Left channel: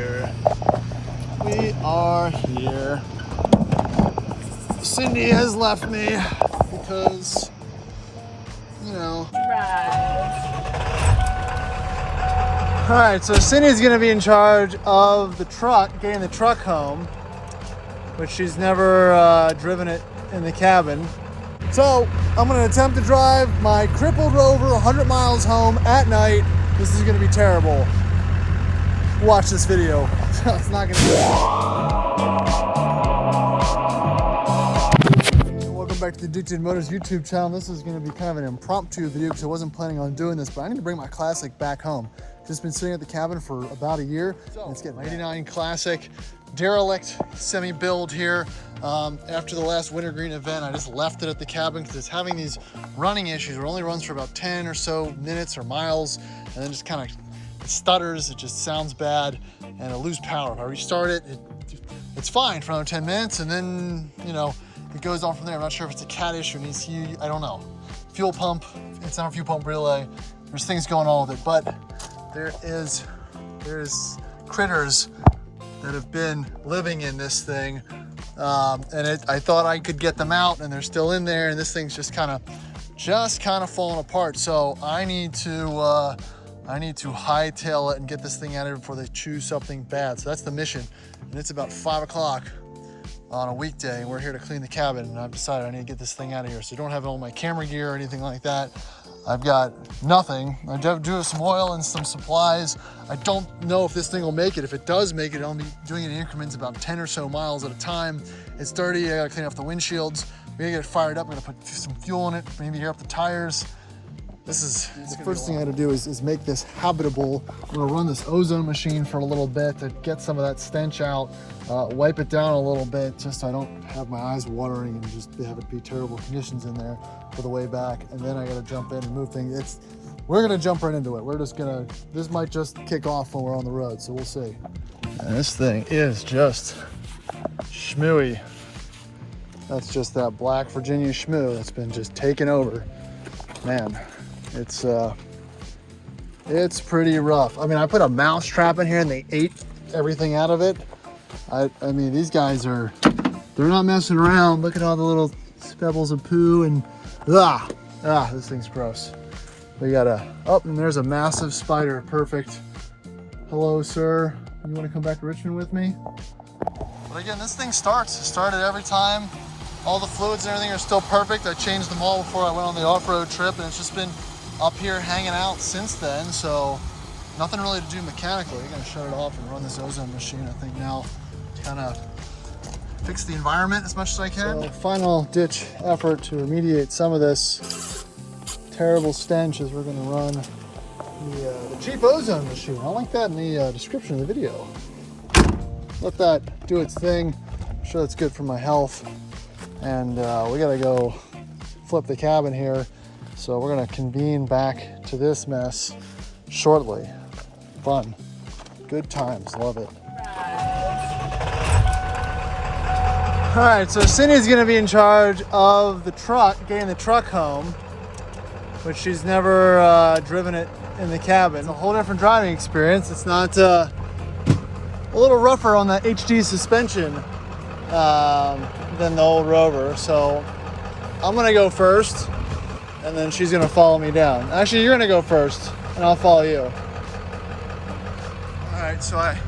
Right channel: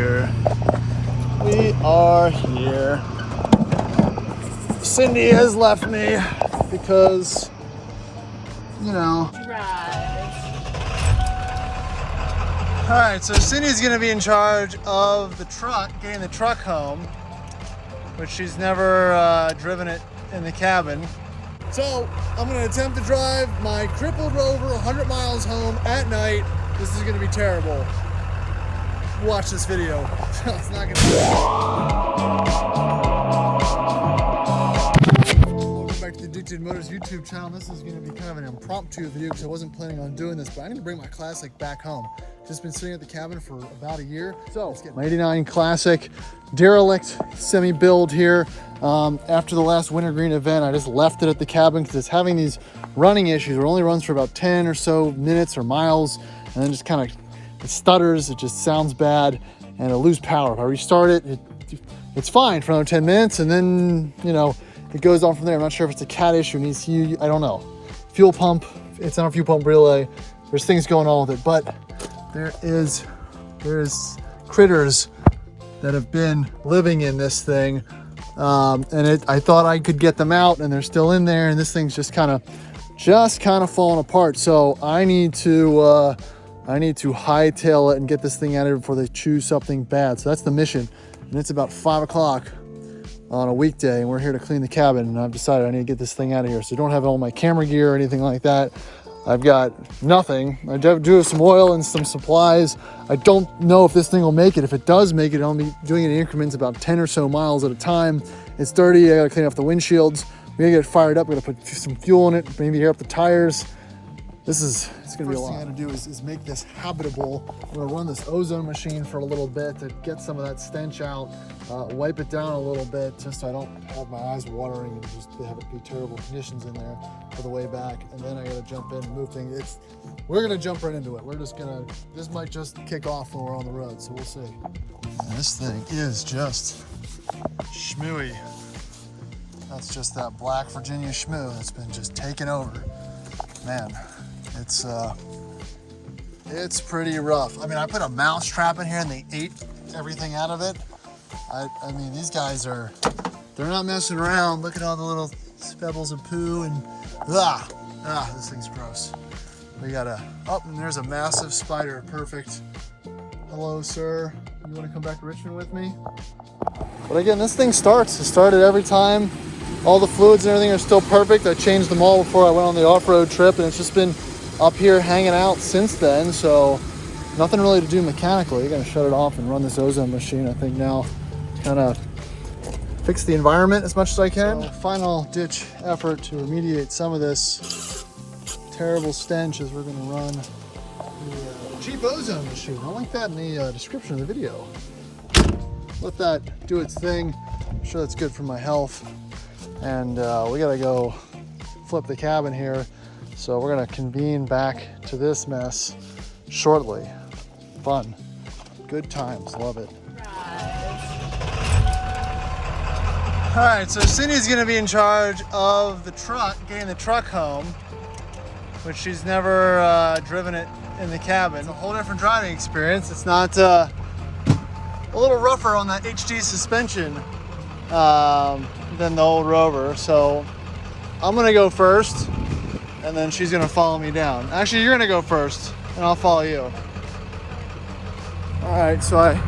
here. We are here. Cindy has left me because, you know. All right, so Cindy's gonna be in charge of the truck, getting the truck home, which she's never driven it in the cabin. So I'm gonna attempt to drive my crippled Rover 100 miles home at night. This is gonna be terrible. Watch this video. It's not gonna be. Welcome back to the Addicted Motors YouTube channel. This is gonna be kind of an impromptu video because I wasn't planning on doing this, but I need to bring my Classic back home. Just been sitting at the cabin for about a year. So it's getting 89 Classic, derelict semi-build here. After the last wintergreen event, I just left it at the cabin because it's having these running issues. It only runs for about 10 or so minutes or miles, and then just kind of stutters. It just sounds bad, and it'll lose power. If I restart it, it's fine for another 10 minutes, and then, you know, it goes on from there. I'm not sure if it's a cat issue, needs to, I don't know. Fuel pump, it's on a fuel pump relay. There's things going on with it, but there's critters that have been living in this thing, and I thought I could get them out, and they're still in there, and this thing's just kind of falling apart. So I need to hightail it and get this thing out of here before they choose something bad. So that's the mission, and it's about 5 o'clock on a weekday, and we're here to clean the cabin, and I've decided I need to get this thing out of here. So I don't have all my camera gear or anything like that. I've got nothing. I do have some oil and some supplies. I don't know if this thing will make it. If it does make it, I'll be doing it in increments about 10 or so miles at a time. It's dirty. I gotta clean off the windshields. We gotta get it fired up. We gotta put some fuel in it, maybe air up the tires. It's gonna be a lot. First thing I gotta do is make this habitable. I'm gonna run this ozone machine for a little bit to get some of that stench out, wipe it down a little bit just so I don't have my eyes watering and just have it be terrible conditions in there for the way back. And then I gotta jump in and move things. We're gonna jump right into it. This might just kick off when we're on the road, so we'll see. And this thing is just schmooey. That's just that black Virginia schmoo that's been just taken over. Man. It's pretty rough. I mean, I put a mouse trap in here and they ate everything out of it. I mean, these guys they're not messing around. Look at all the little pebbles of poo and this thing's gross. We got and there's a massive spider. Perfect. Hello, sir. You want to come back to Richmond with me? But again, this thing starts. It started every time. All the fluids and everything are still perfect. I changed them all before I went on the off-road trip, and it's just been up here hanging out since then, so nothing really to do mechanically. You're gonna shut it off and run this ozone machine, I think, now to kind of fix the environment as much as I can. So, final ditch effort to remediate some of this terrible stench is we're gonna run the cheap ozone machine. I'll link that in the description of the video. Let that do its thing. I'm sure that's good for my health. And we gotta go flip the cabin here. So we're gonna convene back to this mess shortly. Fun, good times, love it. All right, so Cindy's gonna be in charge of the truck, getting the truck home, which she's never driven it in the cabin. A whole different driving experience. It's not a little rougher on the HD suspension than the old Rover. So I'm gonna go first, and then she's gonna follow me down. Actually, you're gonna go first, and I'll follow you. All right, so I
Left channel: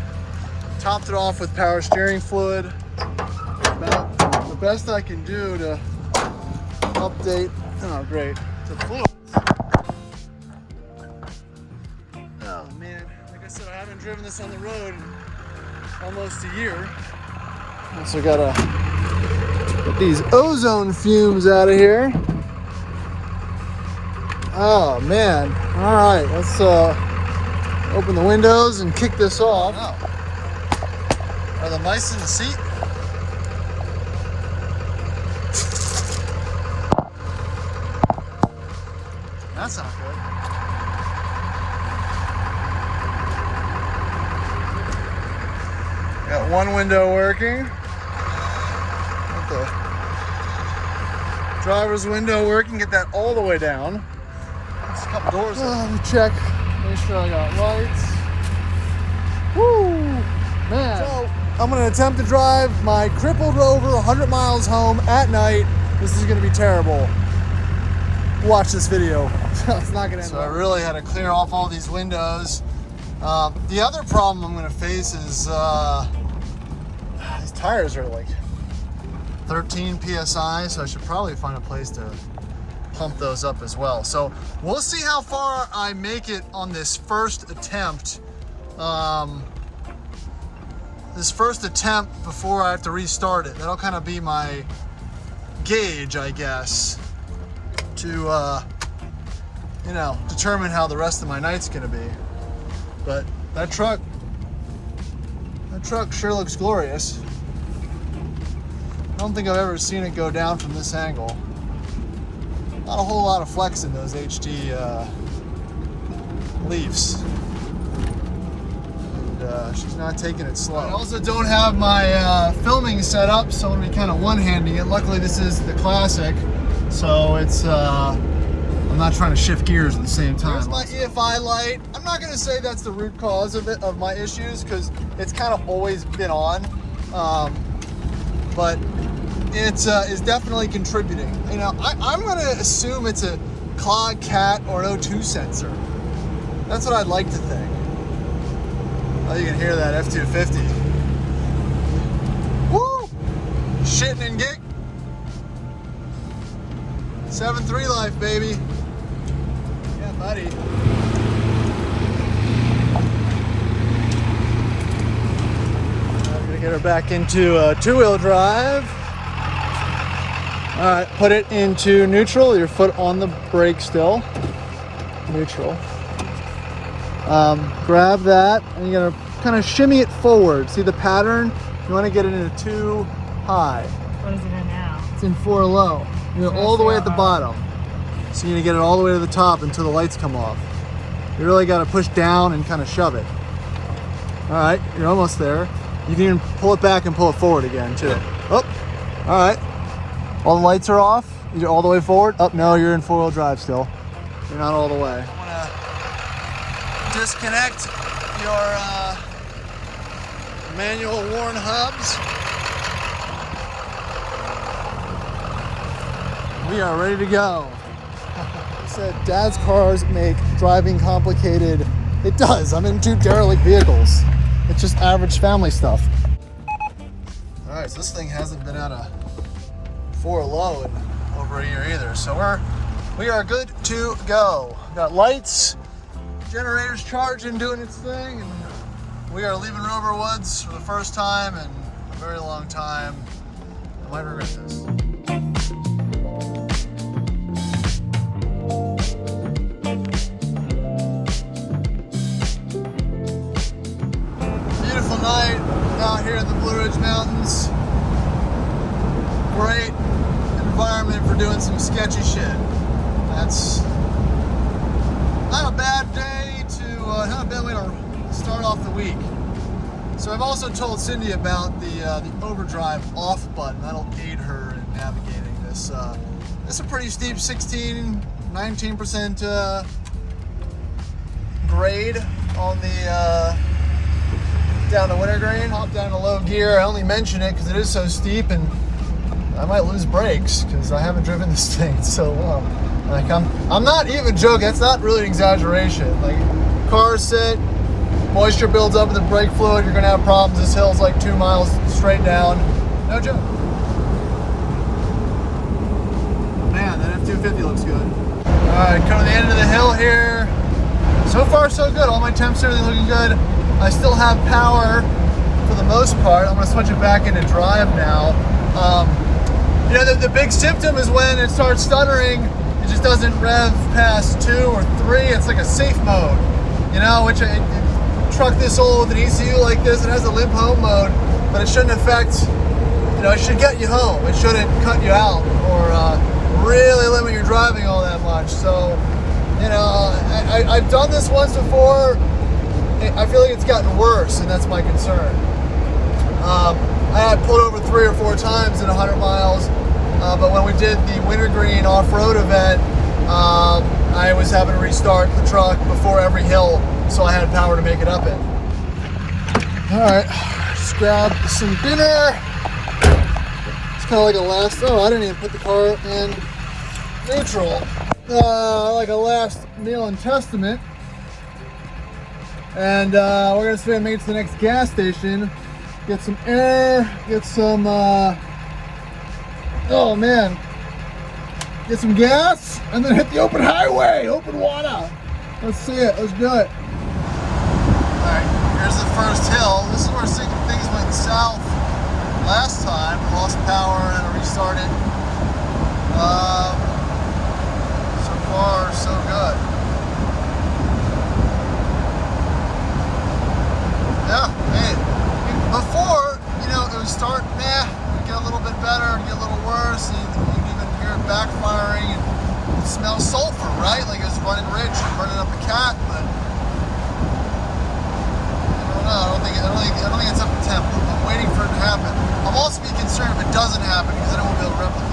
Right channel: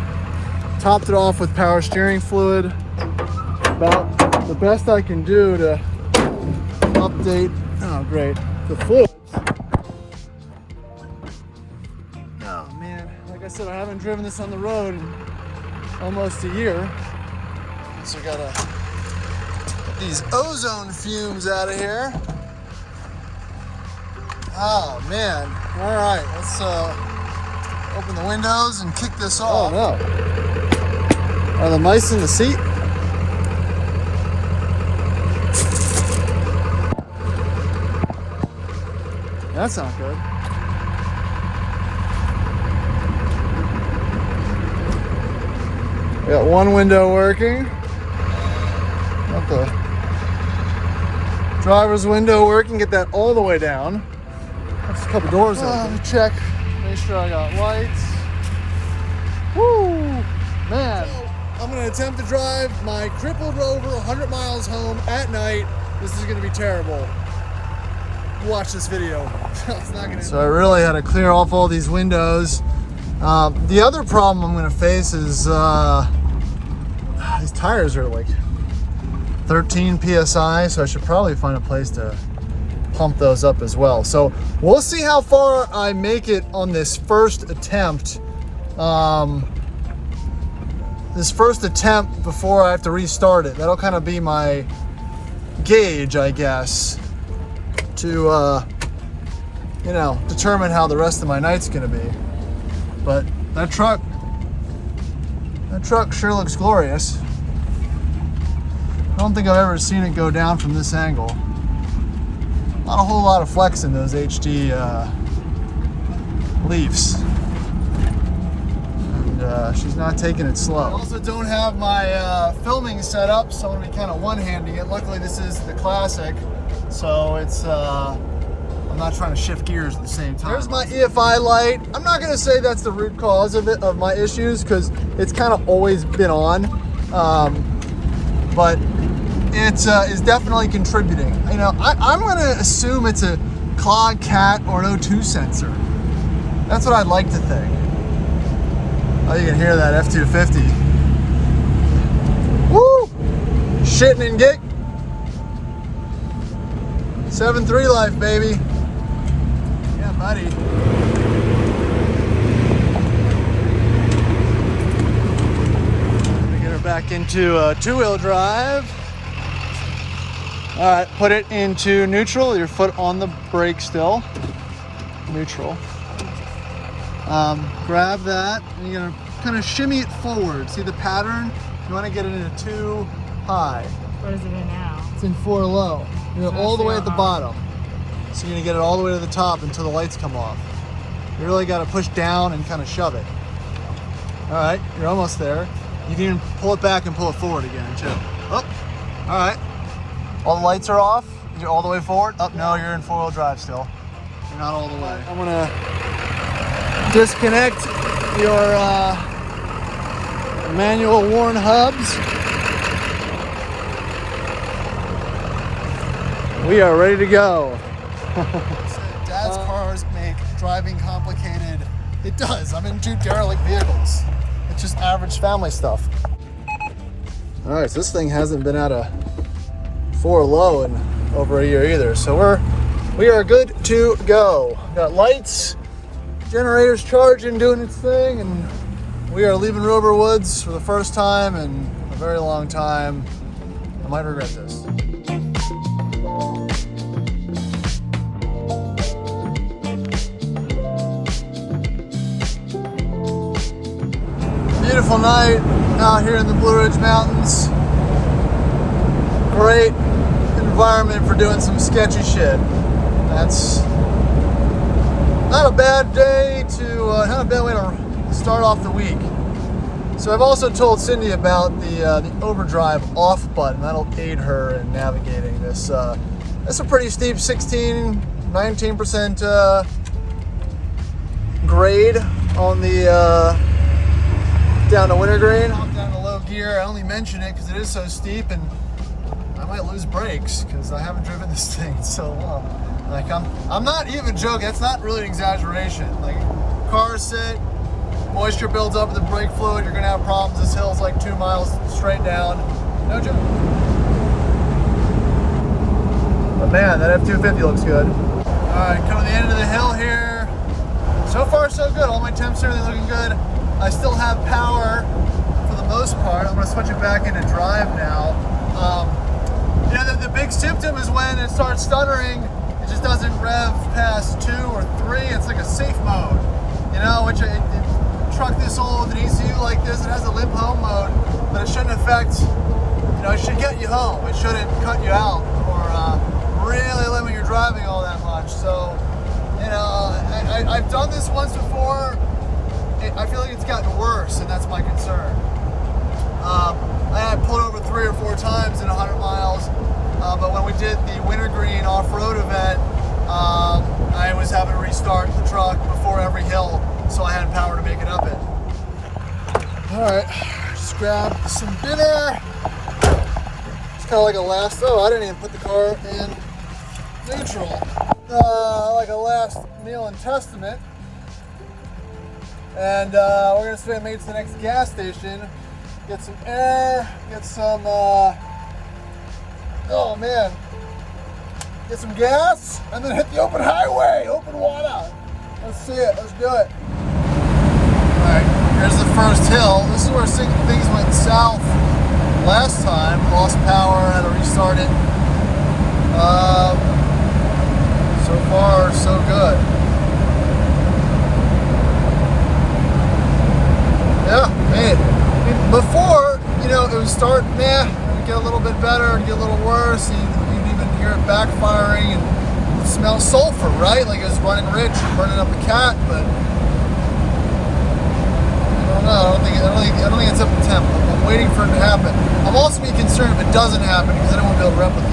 topped it off with power steering fluid. About the best I can do to update the fluids. Oh man, like I said, I haven't driven this on the road in almost a year. So gotta get these ozone fumes out of here. Oh man. All right, let's open the windows and kick this off. Oh no. Are the mice in the seat? That's not good. Got one window working. Got the driver's window working. Get that all the way down. That's a couple doors. Let me check. Make sure I got lights. Woo! gonna attempt to drive my crippled Rover 100 miles home at night. This is gonna be terrible. Watch this video. It's not gonna end. So I really had to clear off all these windows. The other problem I'm gonna face is these tires are like 13 PSI, so I should probably find a place to pump those up as well. So we'll see how far I make it on this first attempt. Before I have to restart it. That'll kind of be my gauge, I guess, to you know, determine how the rest of my night's gonna be. But that truck sure looks glorious. I don't think I've ever seen it go down from this angle. Not a whole lot of flex in those HD Leafs. And, she's not taking it slow. I also don't have my filming set up, so I'm gonna be kind of one-handing it. Luckily, this is the Classic, so it's I'm not trying to shift gears at the same time. There's my EFI light. I'm not gonna say that's the root cause of my issues, because it's kind of always been on, but it is definitely contributing. You know, I'm gonna assume it's a clog, cat, or an O2 sensor. That's what I'd like to think. Oh, you can hear that F-250. Woo! Shitting and gig. 7.3 life, baby. Yeah, buddy. I'm gonna get her back into two-wheel drive. All right, put it into neutral. Your foot on the brake still. Neutral. Grab that, and you're gonna kind of shimmy it forward. See the pattern? You want to get it into 2 high. What is it in now? It's in 4 low. You know, all the way at the bottom. So you need to get it all the way to the top until the lights come off. You really got to push down and kind of shove it. All right, you're almost there. You can even pull it back and pull it forward again too. Oh, all right. All the lights are off. You're all the way forward. Oh, no, you're in 4-wheel drive still. You're not all the way. I'm gonna disconnect your manual worn hubs. We are ready to go. Said Dad's cars make driving complicated. It does. I'm in 2 derelict vehicles. It's just average family stuff. All right, so this thing hasn't been out of 4 low in over a year either. So we are good to go. Got lights, generator's charging, doing its thing, and we are leaving Rover Woods for the first time in a very long time. I might regret this. Beautiful night out here in the Blue Ridge Mountains. Great environment for doing some sketchy shit. That's not a bad day not a bad way to start off the week. So I've also told Cindy about the overdrive off button. That'll aid her in navigating this. That's a pretty steep 19% grade on the down to wintergreen. Hop down to low gear. I only mention it because it is so steep and I might lose brakes because I haven't driven this thing in so long. Like I'm not even joking. That's not really an exaggeration. Like, car sit, moisture builds up in the brake fluid. You're gonna have problems. This hill's like 2 miles straight down. No joke. But man, that F-250 looks good. All right, coming to the end of the hill here. So far, so good. All my temps are looking good. I still have power for the most part. I'm gonna switch it back into drive now. You know, the big symptom is when it starts stuttering. It just doesn't rev past 2 or 3. It's like a safe mode, you know, which a truck this old with an ECU like this, it has a limp home mode, but it shouldn't affect, you know, it should get you home. It shouldn't cut you out or really limit your driving all that much. So, you know, I've done this once before. I feel like it's gotten worse, and that's my concern. I had pulled over 3 or 4 times in 100 miles. But when we did the wintergreen off-road event, I was having to restart the truck before every hill, so I had power to make it up in. All right, Just grab some dinner. It's kind of like a last, oh, I didn't even put the car in neutral. Like a last meal and testament. And we're gonna say make it to the next gas station, get some air, get some, oh man, get some gas, and then hit the open highway, open water. Let's see it, let's do it. All right, here's the first hill. This is where things went south last time. Lost power, had to restart it. So far, so good. Yeah, man. I mean, before, you know, it would start, meh, it would get a little bit better, get a little worse. You'd even hear it backfiring and it smells sulfur, right? Like it's running rich and burning up the cat, but I don't think it's up to temp. I'm waiting for it to happen. I'm also being concerned if it doesn't happen because I don't want to be able to replicate.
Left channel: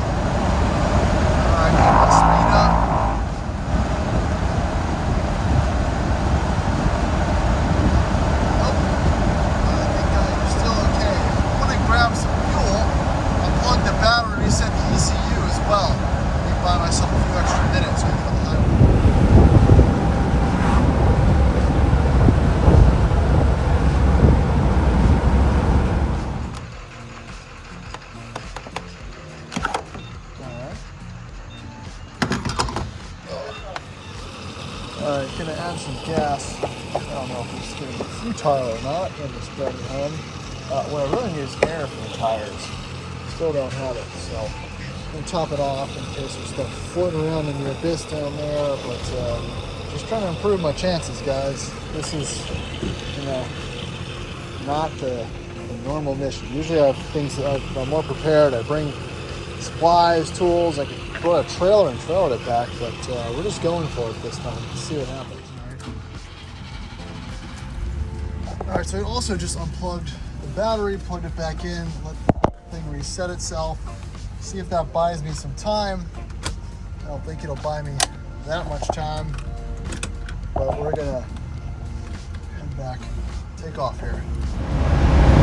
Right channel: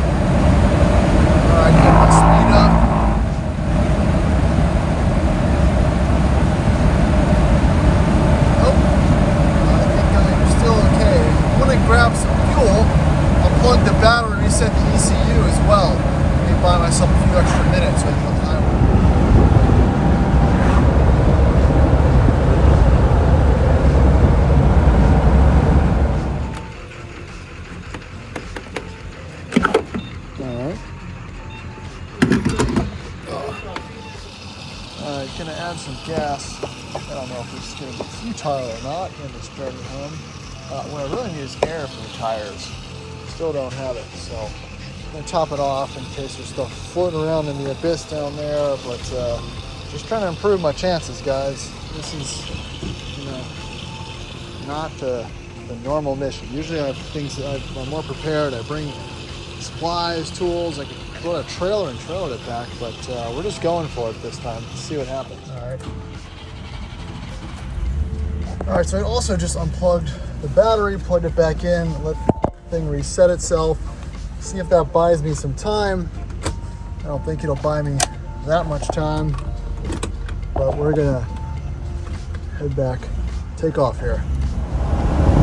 All right, get my speed up. Nope. I think I'm still okay. When I grab some fuel, unplug the battery, reset the ECU as well. Maybe buy myself a few extra minutes so I can go high. Gonna add some gas. I don't know if it's gonna be futile or not in this journey home. What I really need is air for the tires. Still don't have it, so I'm gonna top it off in case there's stuff floating around in the abyss down there. But just kind of improve my chances, guys. This is, you know, not the normal mission. Usually I have things that I'm more prepared. I bring supplies, tools. I can put a trailer and trailer it back, but we're just going for it this time. Let's see what happens. All right, so I also just unplugged the battery, plugged it back in, let the thing reset itself, see if that buys me some time. I don't think it'll buy me that much time, but we're gonna head back, take off here.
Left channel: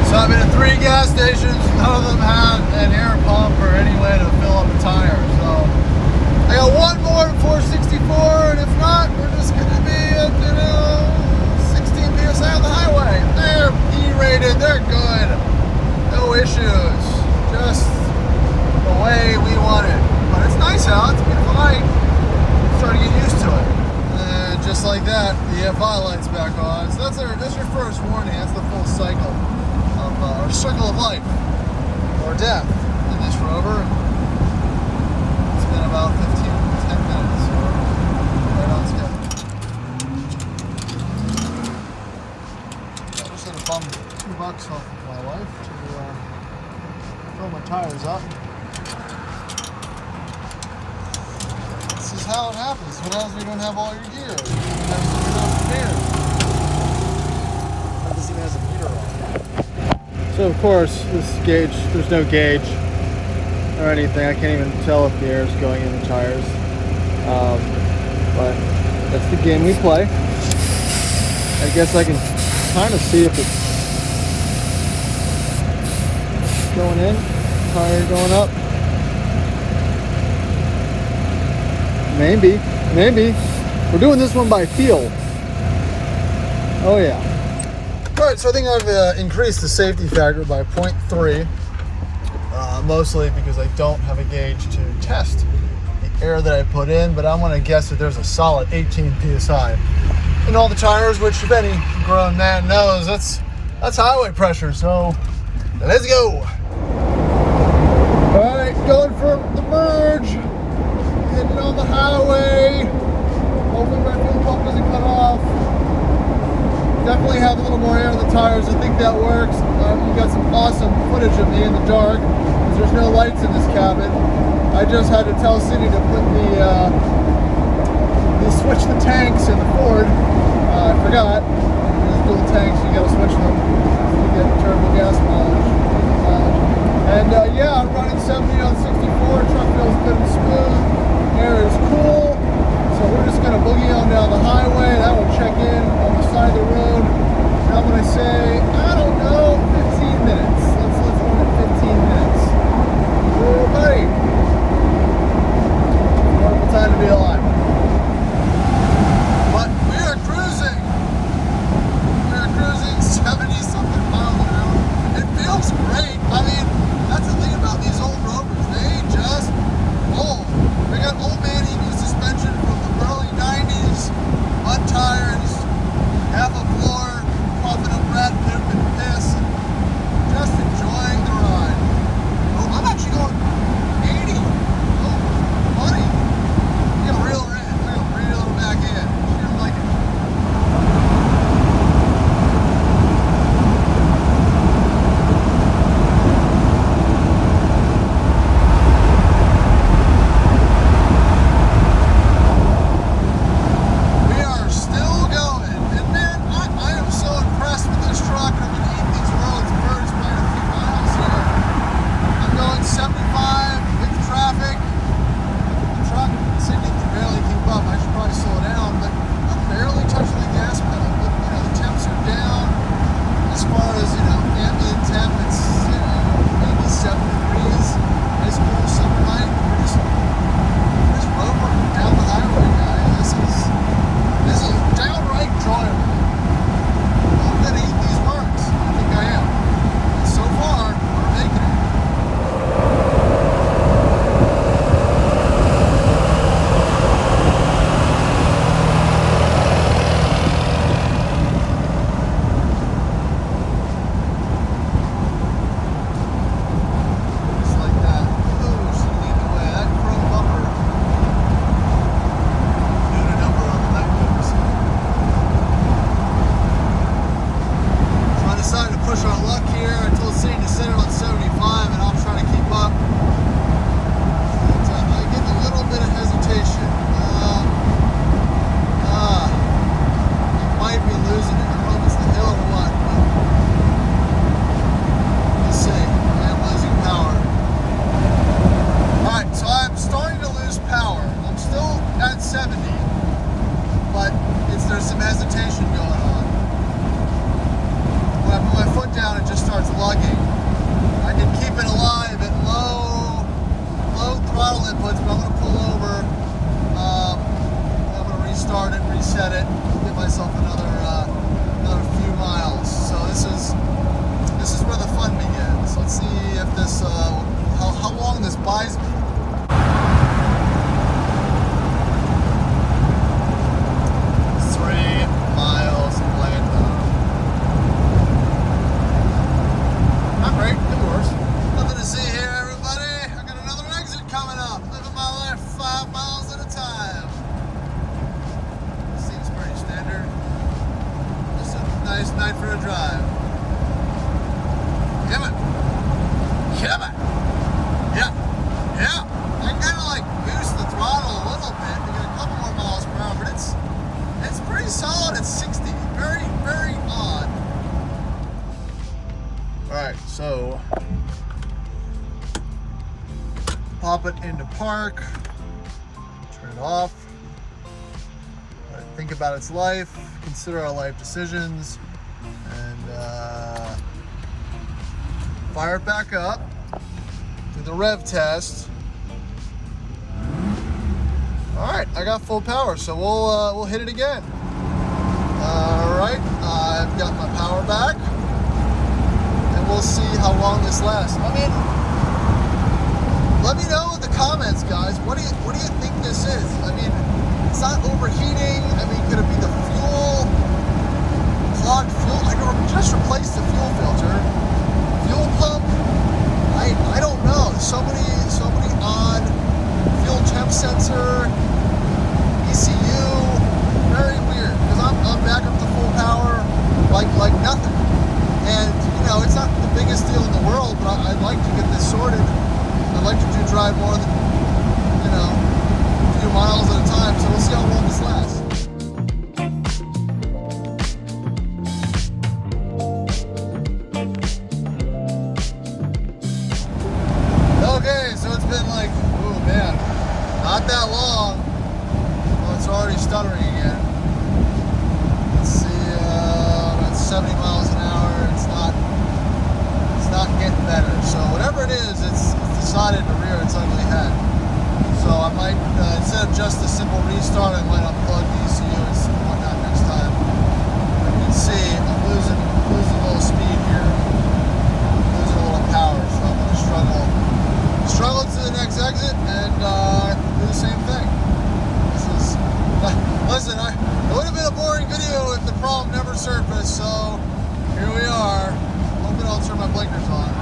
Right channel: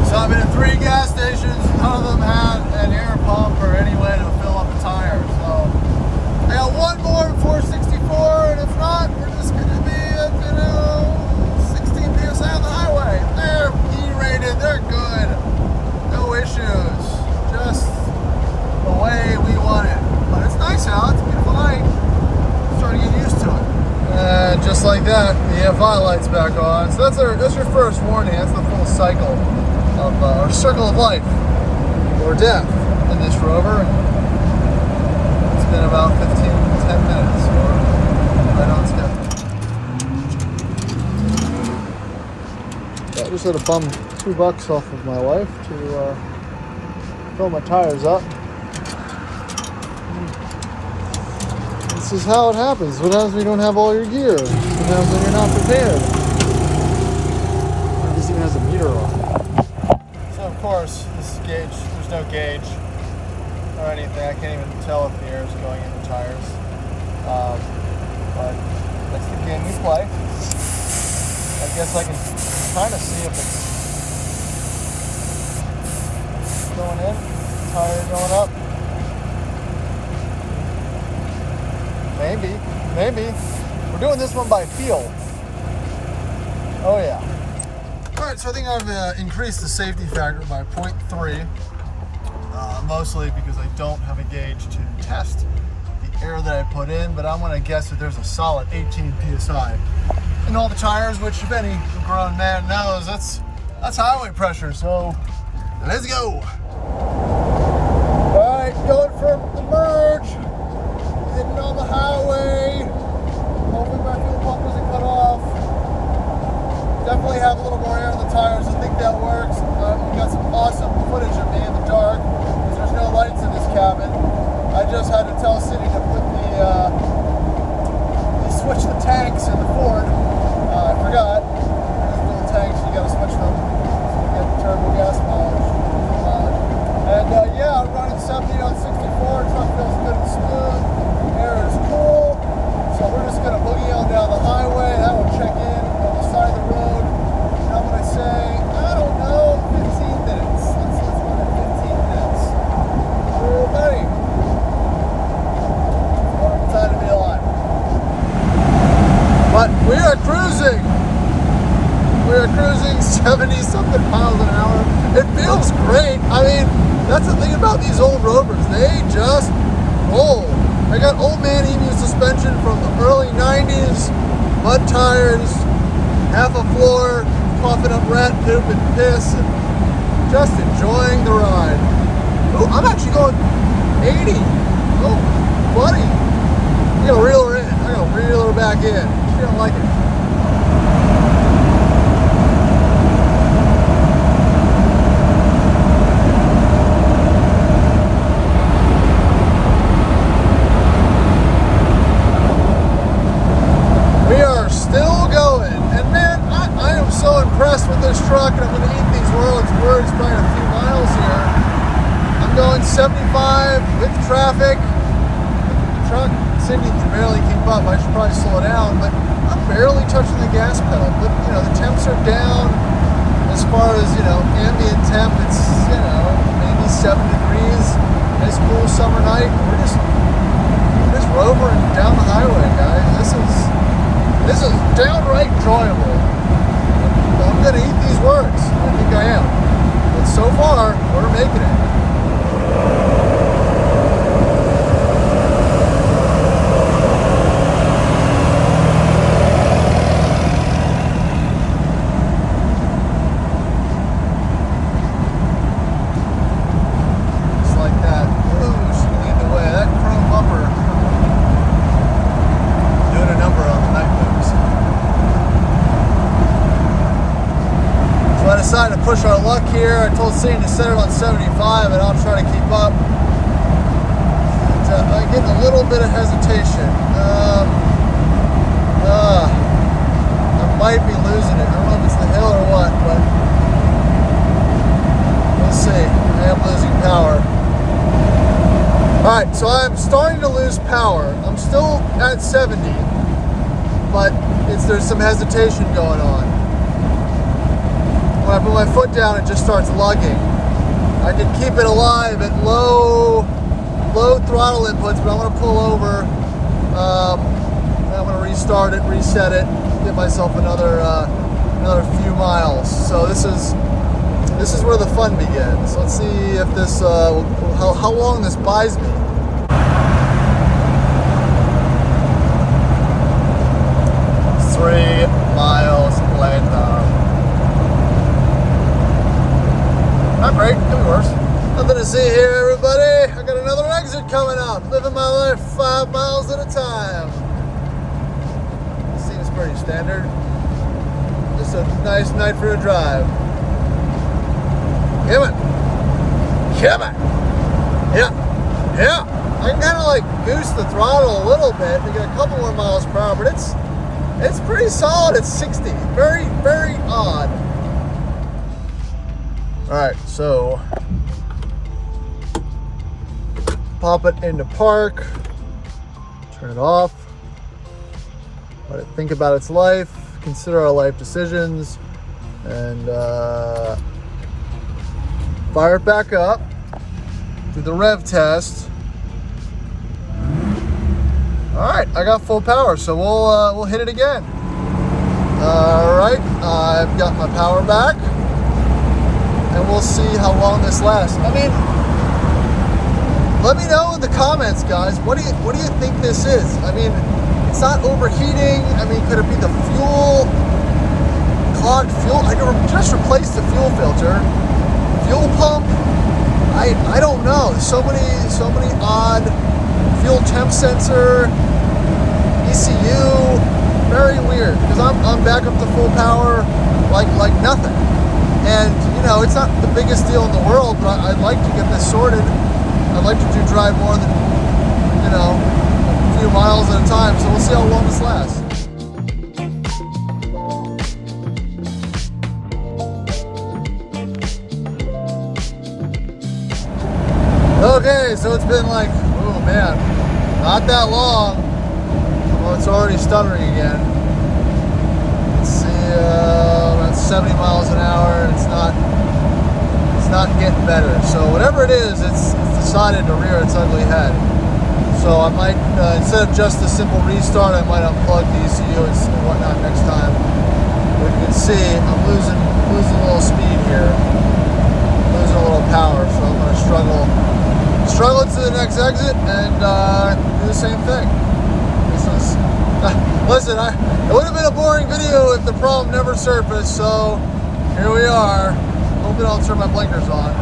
So I've been at 3 gas stations, none of them had an air pump or any way to fill up the tires. So I got one more at 464, and if not, we're just gonna be at 16 PSI on the highway. They're E-rated, they're good. No issues. Just the way we want it. But it's nice out, it's a beautiful night. I'm starting to get used to it. And just like that, the EFI light's back on. So that's your first warning. That's the full cycle of our circle of life or death in this Rover. It's been about 10 minutes. Right on schedule. Yeah, just had to bum $2 off of my wife to fill my tires up. This is how it happens. What happens when you don't have all your gear? What happens when you're not prepared? This even has a meter on it. So of course, this gauge, there's no gauge or anything. I can't even tell if the air is going in the tires. But that's the game we play. I guess I can kind of see if it's going in, tire going up. Maybe. We're doing this one by feel. Oh yeah. All right, so I think I've increased the safety factor by 0.3, mostly because I don't have a gauge to test the air that I put in, but I'm gonna guess that there's a solid 18 PSI in all the tires, which if any grown man knows, that's highway pressure, so let's go. All right, going for the merge. Getting on the highway. Hopefully my fuel pump doesn't cut off. Definitely have a little more air in the tires. I think that works. You got some awesome footage of me in the dark because there's no lights in this cabin. I just had to tell Cindy to put the switch the tanks in the Ford. I forgot. There's dual tanks. You got to switch them to get turbo gas mileage. Yeah, I'm running 70 on 64. Truck feels good and smooth. Air is cool, so we're just gonna boogie on down the highway. That will check in on the side of the road. And I'm gonna say, I don't know, 15 about these old Rovers, they just roll. I got old man EMU suspension from the early 90s, mud tires, half a floor, puffing up rat poop and piss, and just enjoying the ride. Oh, I'm actually going 80. Oh, buddy. I'm gonna reel her in. I'm gonna reel her back in. She don't like it. We are still going. And man, I am so impressed with this truck, and I'm gonna eat these words by a few miles here. I'm going 75 with traffic. The truck, Sydney can barely keep up. I should probably slow down, but I'm barely touching the gas pedal. But you know, the temps are down. As far as, you know, ambient temp, it's, you know, maybe 7 degrees. Nice cool summer night. We're just rovering down the highway, guys. This is downright enjoyable. I'm gonna eat these words. I think I am. But so far, we're making it. Decided to push our luck here. I told Sadie to set it on 75 and I'll try to keep up. And, I get a little bit of hesitation. I might be losing it. I don't know if it's the hill or what, but we'll see. I am losing power. Alright, so I'm starting to lose power. I'm still at 70, but there's some hesitation going on. When I put my foot down, it just starts lugging. I can keep it alive at low throttle inputs, but I'm going to pull over. I'm going to restart it, reset it, give myself another few miles. So this is where the fun begins. Let's see if this how long this buys me. Not great, could be worse. Nothing to see here, everybody. I got another exit coming up. Living my life 5 miles at a time. This seems pretty standard. Just a nice night for a drive. Come on. Come on. Yeah. Yeah. I can kind of like goose the throttle a little bit to get a couple more miles per hour, but it's pretty solid at 60. Very, very odd. Alright, so pop it into park, turn it off, let it think about its life, consider our life decisions, and fire it back up, do the rev test. Alright, I got full power, so we'll hit it again. Alright, I've got my power back. And we'll see how long this lasts. I mean, let me know in the comments, guys. What do you think this is? I mean, it's not overheating. I mean, could it be the fuel? Clogged fuel? I could just replace the fuel filter. Fuel pump? I don't know. So many odd fuel temp sensor, ECU. Very weird. Because I'm back up to full power like nothing. And, you know, it's not the biggest deal in the world, but I'd like to get this sorted. I'd like to drive more than, you know, a few miles at a time. So we'll see how long this lasts. Okay, so it's been like, oh man, not that long. Well, it's already stuttering again. Let's see, that's 70 miles an hour. It's not getting better. So whatever it is, it's decided to rear its ugly head. So I might, instead of just a simple restart, I might unplug the ECUs and whatnot next time. But you can see I'm losing a little speed here, losing a little power, so I'm going to struggle turn my blinkers on.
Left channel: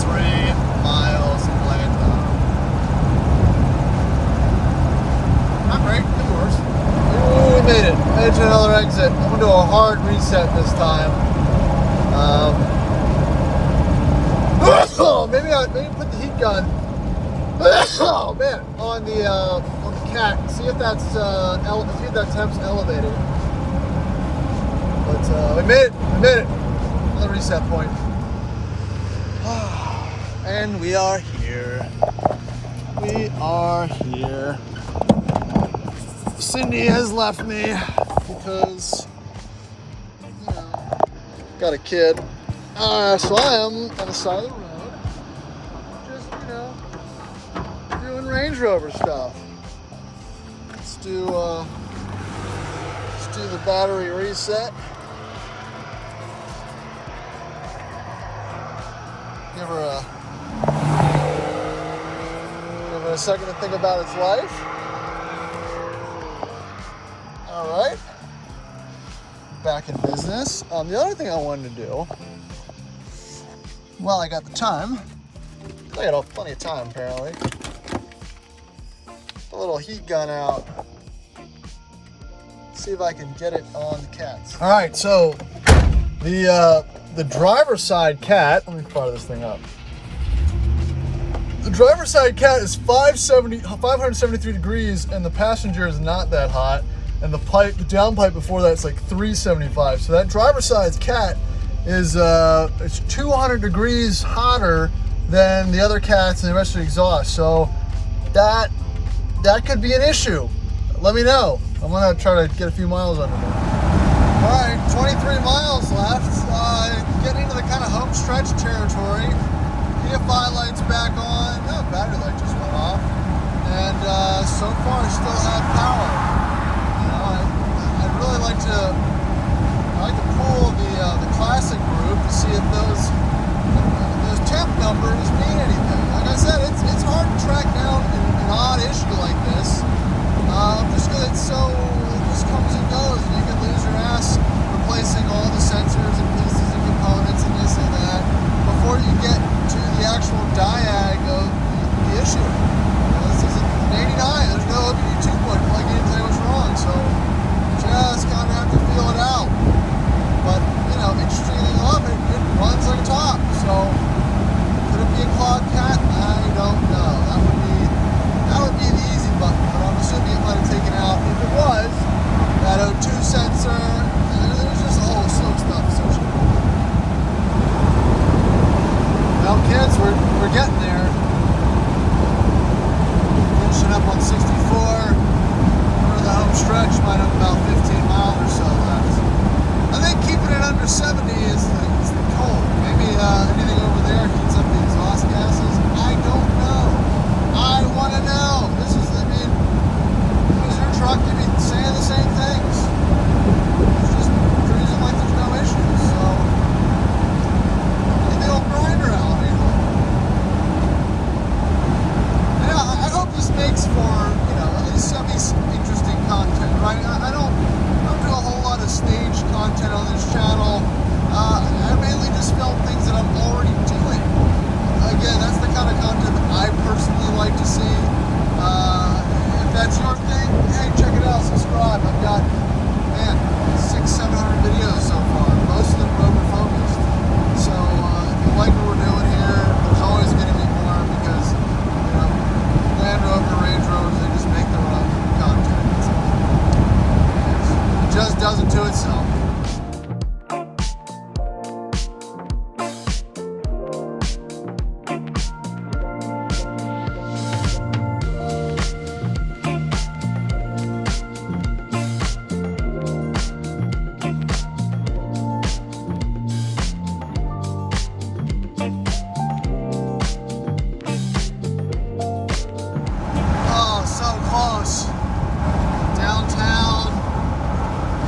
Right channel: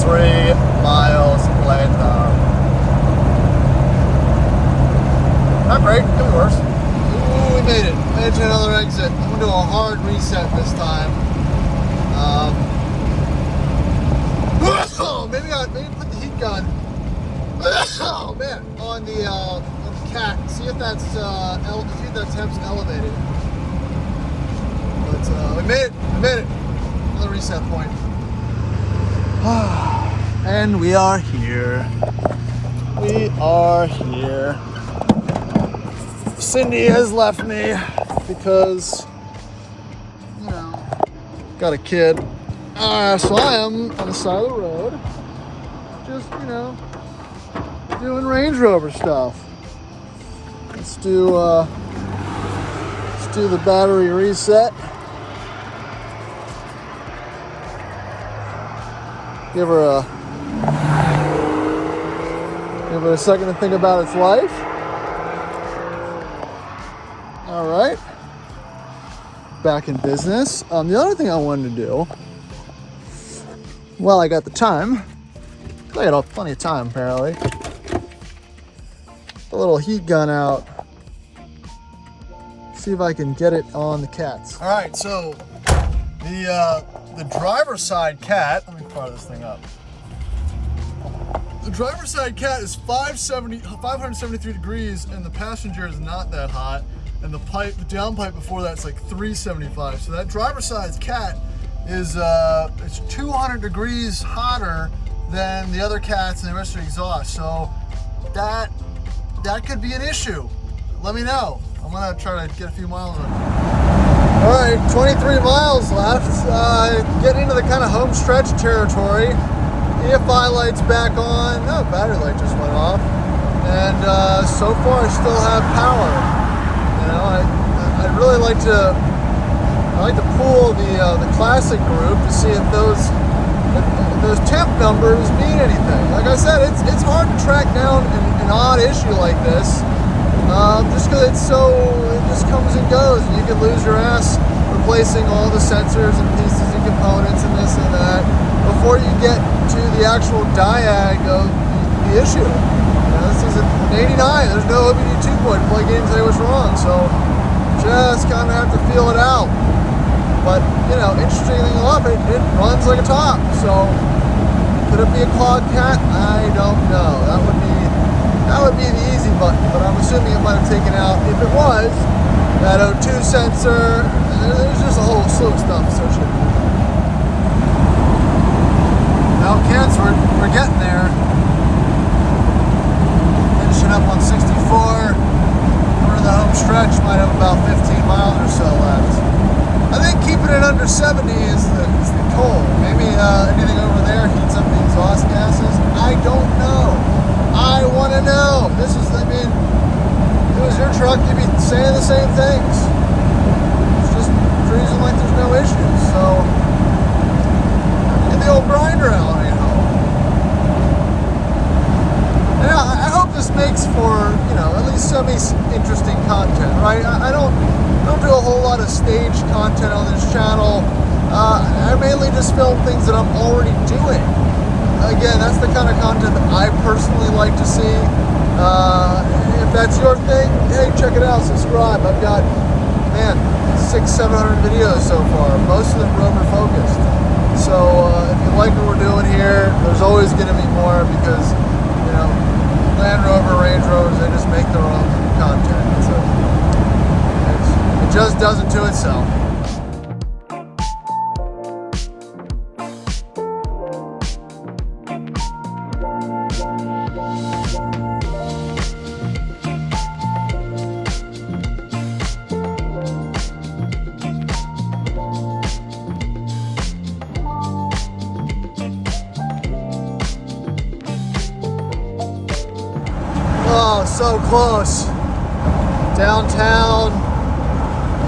3 miles later. Not great, could be worse. Ooh, we made it. Made it to another exit. I'm gonna do a hard reset this time. Maybe put the heat gun. Oh man, on the cat. See if that's temp's elevated. But we made it. Another reset point. And we are here. Cindy has left me because, you know, got a kid. So I am on the side of the road, just, you know, doing Range Rover stuff. Let's do the battery reset. Give her a second to think about its life. All right, back in business. The other thing I wanted to do, well, I got the time. I got plenty of time apparently. The little heat gun out. See if I can get it on the cats. All right, so the driver's side cat. Let me fire this thing up. The driver's side cat is 573 degrees, and the passenger is not that hot. And the down pipe before that's like 375. So that driver's side cat is it's 200 degrees hotter than the other cats and the rest of the exhaust. So that could be an issue. Let me know. I'm gonna try to get a few miles on it. All right, 23 miles left. Getting into the kind of home stretch territory. EFI light's back on. Oh, battery light just went off. And so far I still have power. You know, I'd really like to pull the classic group to see if those temp numbers mean anything. Like I said, it's hard to track down an odd issue like this, just because it just comes and goes, and you can lose your ass replacing all the sensors and pieces and components and this and that before you get to the actual diag of the issue. This is an 89. There's no OBD2 point to plug in and tell you what's wrong. So just kind of have to feel it out. But you know, interestingly enough, it runs like a top. So could it be a clogged cat? I don't know. That would be the easy button. But I'm assuming it might have taken out, if it was, that O2 sensor. There's just a whole slew of stuff associated with it. Well, cats, we're getting there. Finishing up on 64. For the home stretch, might have about 15 miles or so left. I think keeping it under 70 is the goal. Maybe anything over there heats up the exhaust gases. I don't know. I want to know. If it was your truck, you'd be saying the same things. It's just cruising like there's no issues. So, get the old grinder out, you know. And I hope this makes for, you know, at least some interesting content, right? I don't do a whole lot of stage content on this channel. I mainly just film things that I'm already doing. Again, that's the kind of content that I personally like to see. If that's your thing, hey, check it out, subscribe. I've got, man, 600-700 videos so far, most of them Rover focused. So if you like what we're doing here, there's always going to be more because, you know, Land Rover, Range Rovers, they just make their own content. So it just does it to itself. So close. Downtown.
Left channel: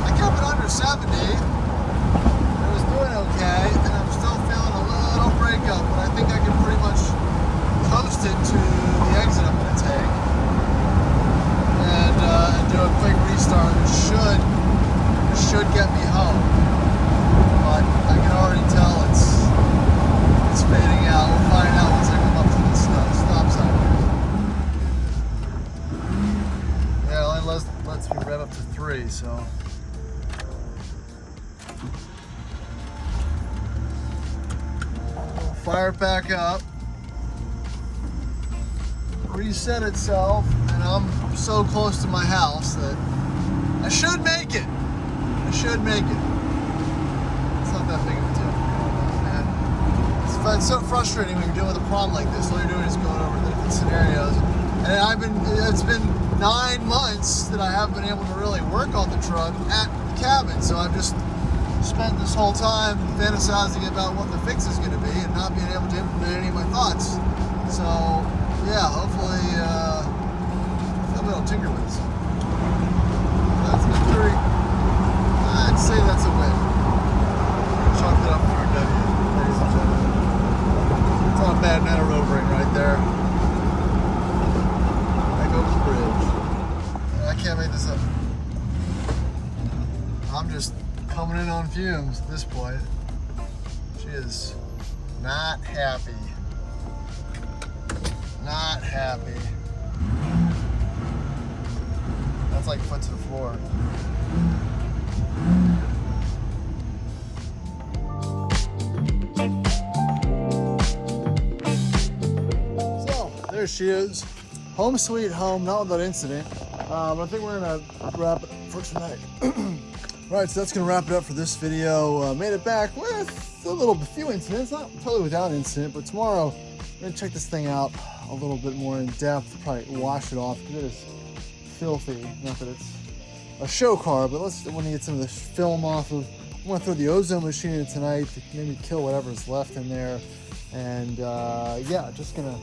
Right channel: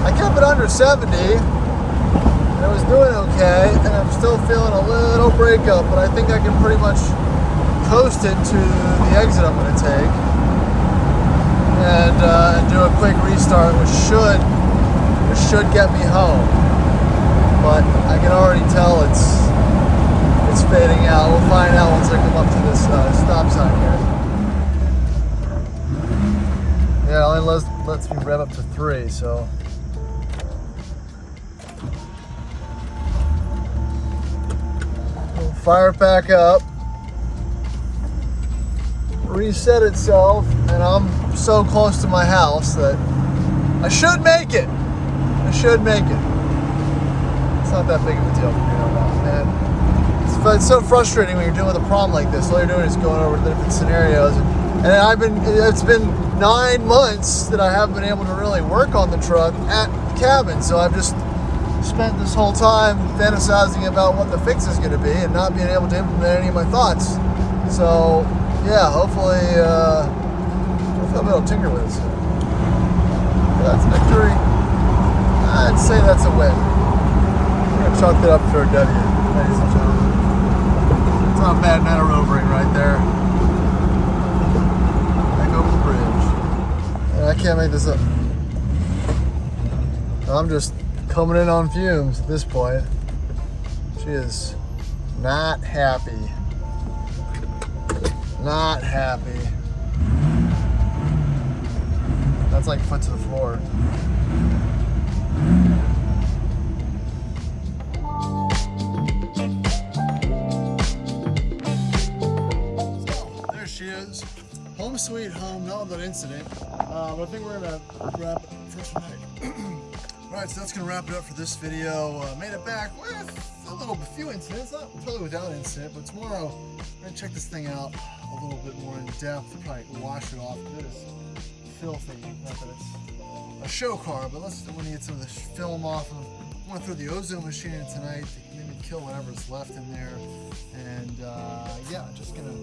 I kept it under 70. And I was doing okay, and I'm still feeling a little breakup, but I think I can pretty much coast it to the exit I'm going to take. And do a quick restart, which should, This should get me home, but I can already tell it's fading out. We'll find out once I come up to this stop sign here. Yeah, it only lets me rev up to 3, so. We'll fire it back up. Reset itself, and I'm so close to my house that I should make it. I should make it. It's not that big of a deal for me, and it's so frustrating when you're dealing with a problem like this. All you're doing is going over the different scenarios, and it's been 9 months that I haven't been able to really work on the truck at the cabin. So I've just spent this whole time fantasizing about what the fix is going to be and not being able to implement any of my thoughts. So yeah, hopefully I'll be able to tinker with this. That's a victory. I'd say that's a win. We're gonna chalk it up for a W. It's not bad, not a rovering right there. Back over the bridge. I can't make this up. I'm just coming in on fumes at this point. She is not happy. Not happy. That's like foot to the floor. So, there she is. Home sweet home, not without incident. I think we're gonna wrap it for tonight. Alright, so that's gonna wrap it up for this video. Made it back with a few incidents, not totally without incident, but tomorrow I'm gonna check this thing out a little bit more in depth, probably wash it off, because it is filthy. Not that it's a show car, but let's want to get some of this film off of. I'm gonna throw the ozone machine in tonight to maybe kill whatever's left in there, and yeah, just gonna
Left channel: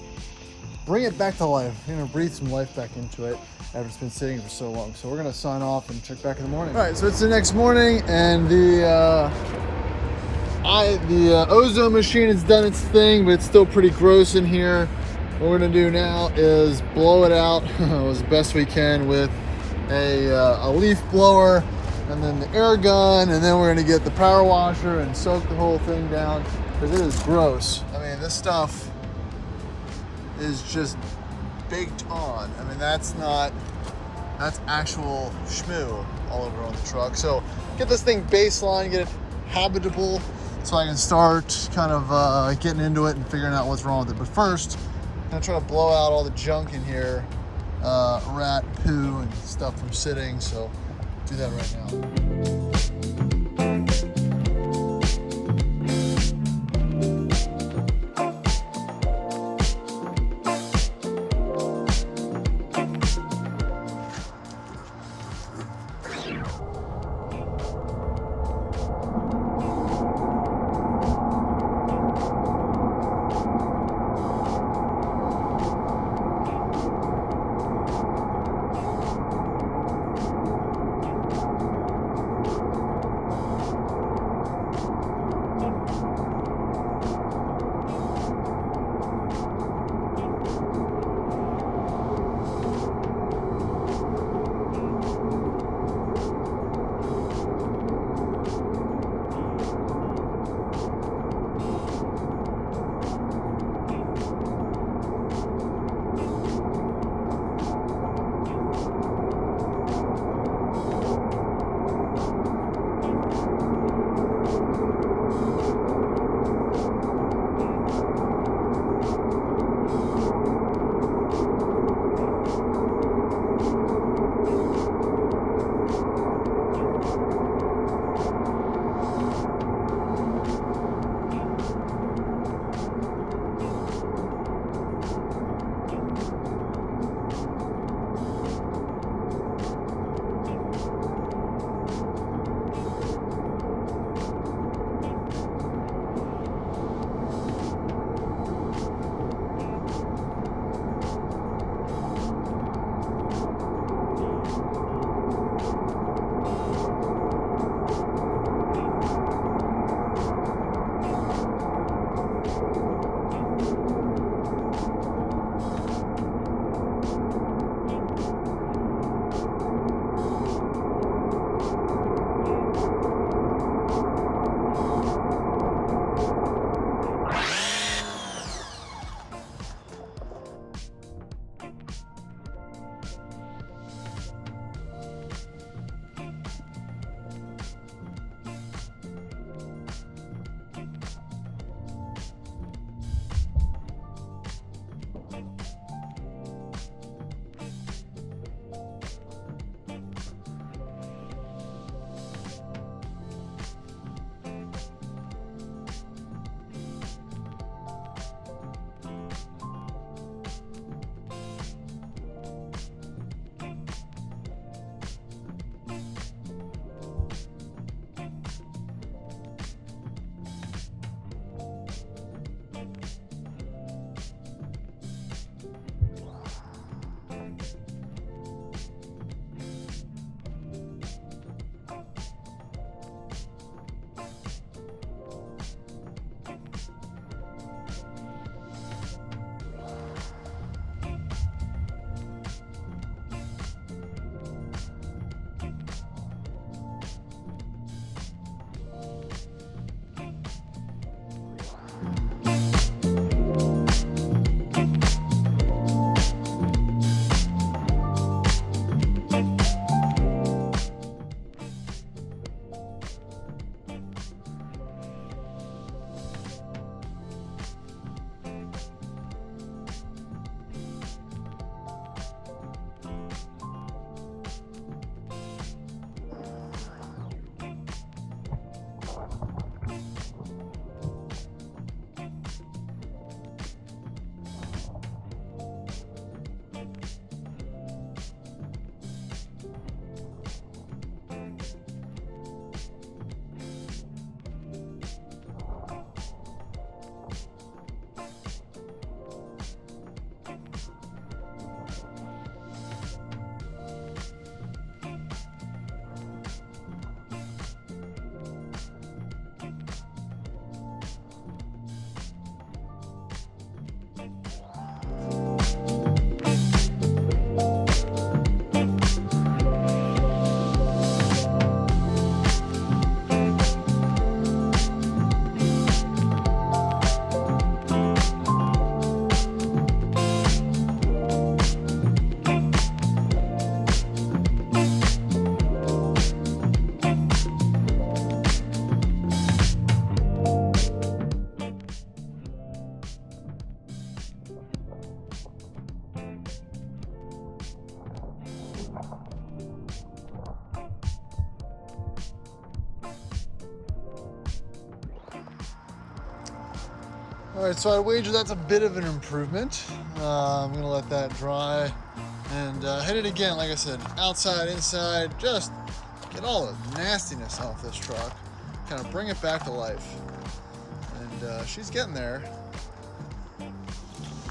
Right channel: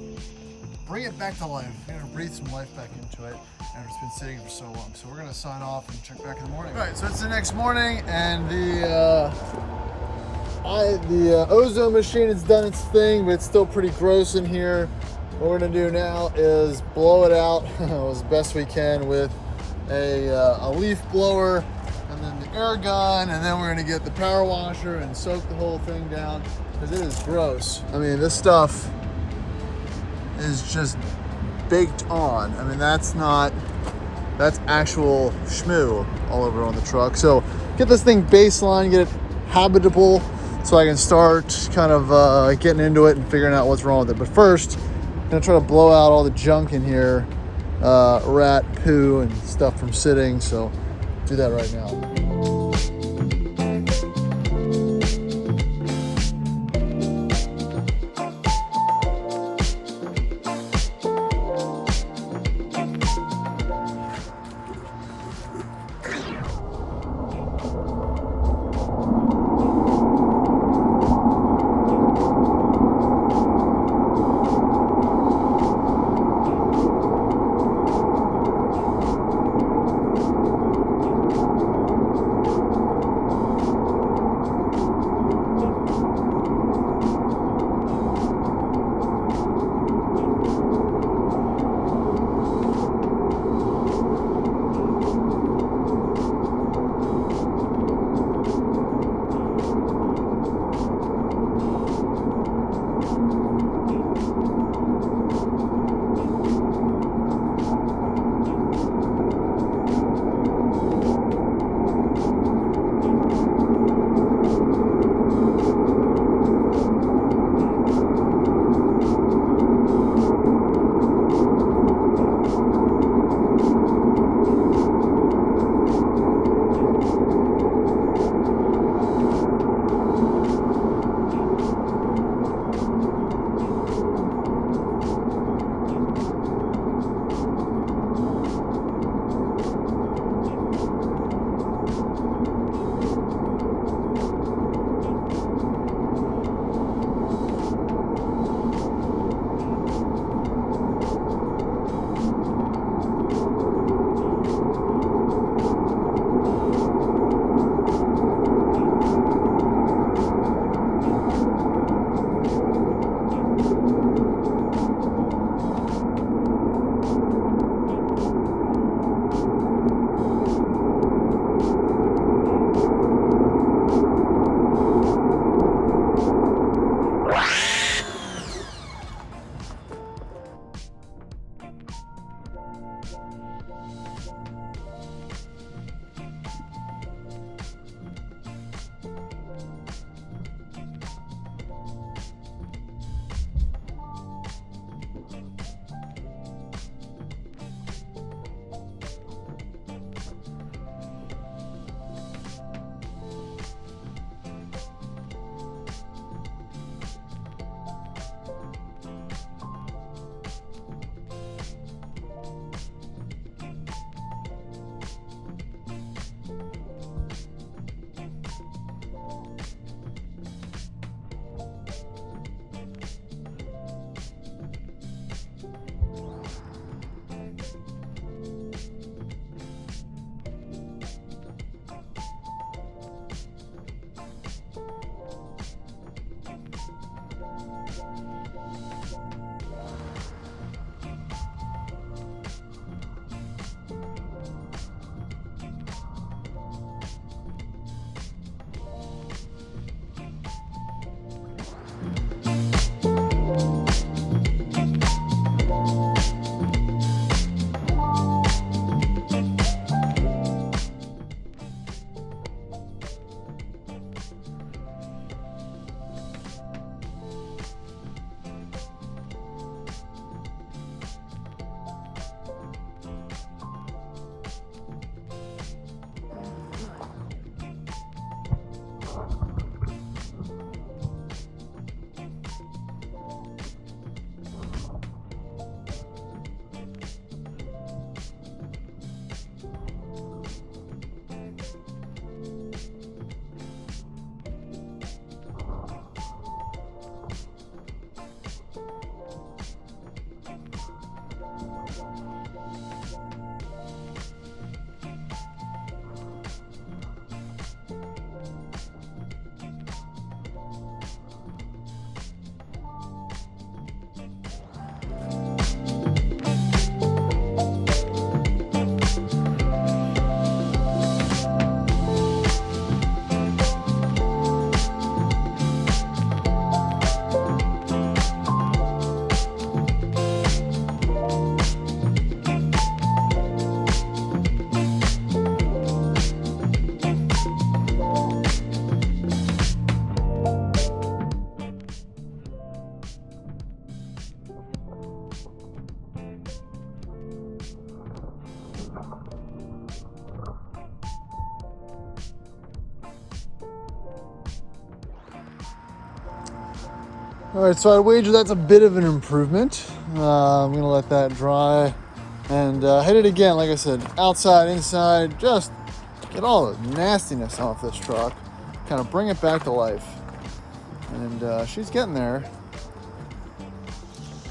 bring it back to life. I'm gonna breathe some life back into it after it's been sitting for so long. So we're gonna sign off and check back in the morning. All right, so it's the next morning, and the ozone machine has done its thing, but it's still pretty gross in here. What we're gonna do now is blow it out as best we can with a leaf blower, and then the air gun, and then we're gonna get the power washer and soak the whole thing down, because it is gross. I mean, this stuff is just baked on. I mean, that's actual schmoo all over on the truck. So get this thing baseline, get it habitable, so I can start kind of getting into it and figuring out what's wrong with it. But first, I'm gonna try to blow out all the junk in here, rat poo and stuff from sitting. So do that right now. All right, so I'd wager that's a bit of an improvement. I'm gonna let that dry and hit it again. Like I said, outside, inside, just get all the nastiness off this truck. Kind of bring it back to life. And she's getting there.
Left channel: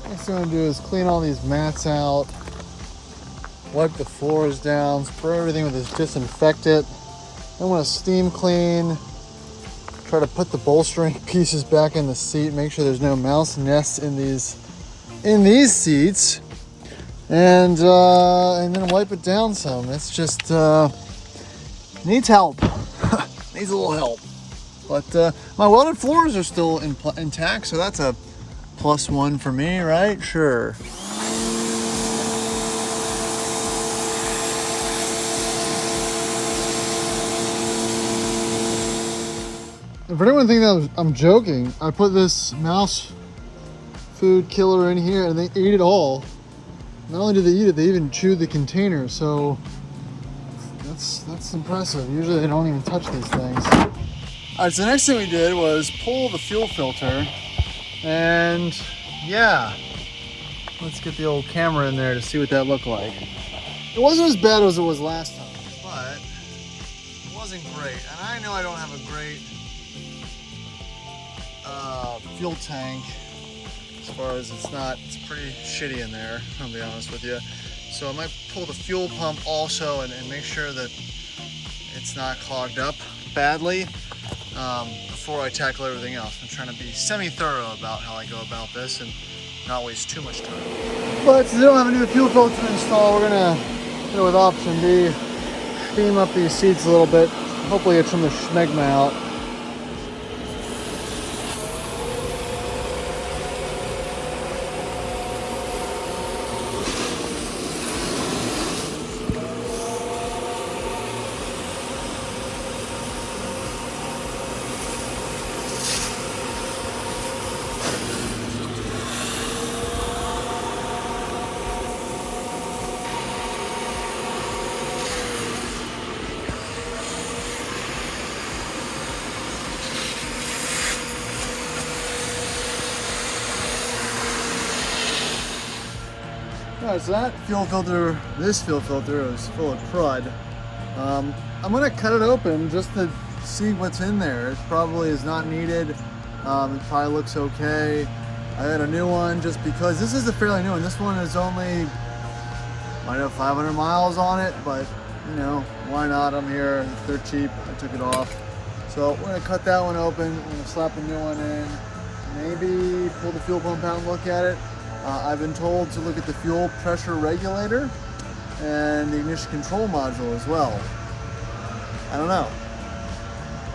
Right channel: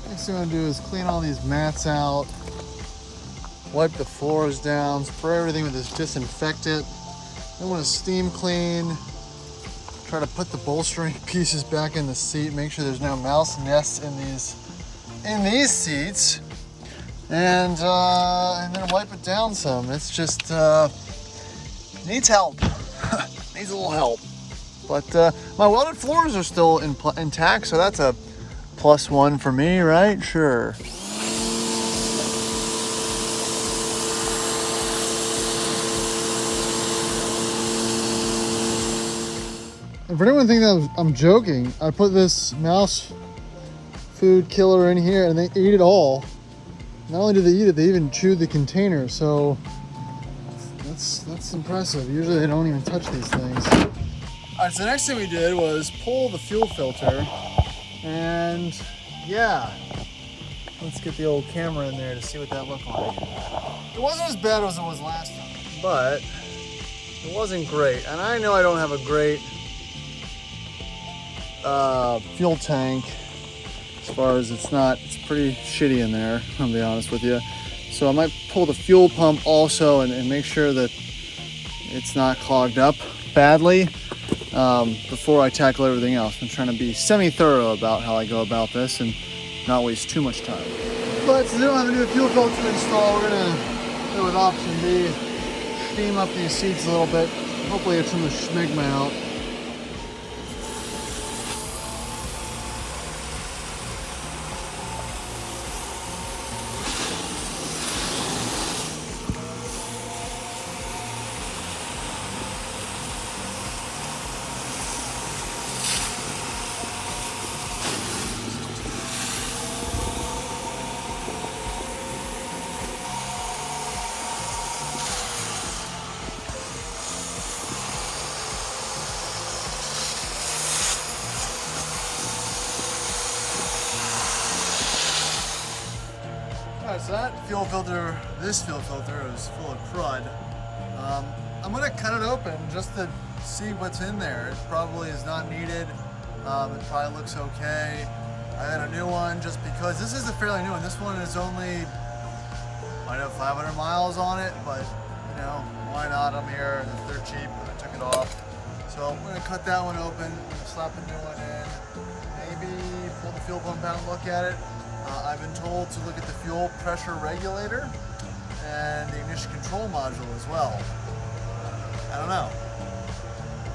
Next thing I'm gonna do is clean all these mats out, wipe the floors down, spray everything with this disinfectant. I want to steam clean, try to put the bolstering pieces back in the seat, make sure there's no mouse nests in these seats, and then wipe it down some. It's just needs help. Needs a little help. But my welded floors are still intact, so that's a +1 for me, right? Sure. And for anyone thinking that I'm joking, I put this mouse food killer in here and they ate it all. Not only did they eat it, they even chewed the container. So that's impressive. Usually they don't even touch these things. All right, so the next thing we did was pull the fuel filter, and yeah, let's get the old camera in there to see what that looked like. It wasn't as bad as it was last time, but it wasn't great. And I know I don't have a great fuel tank as far as it's pretty shitty in there, I'll be honest with you. So I might pull the fuel pump also and make sure that it's not clogged up badly before I tackle everything else. I'm trying to be semi-thorough about how I go about this and not waste too much time. But since I don't have a new fuel filter installed, we're gonna go with option B, steam up these seats a little bit, hopefully get some of the smegma out. Alright, so that fuel filter, this fuel filter is full of crud. I'm gonna cut it open just to see what's in there. It probably is not needed. It probably looks okay. I had a new one just because this is a fairly new one. This one is only, might have 500 miles on it, but you know, why not? I'm here, they're cheap, I took it off. So we're gonna cut that one open, we're gonna slap a new one in, maybe pull the fuel pump out and look at it. I've been told to look at the fuel pressure regulator and the ignition control module as well. I don't know.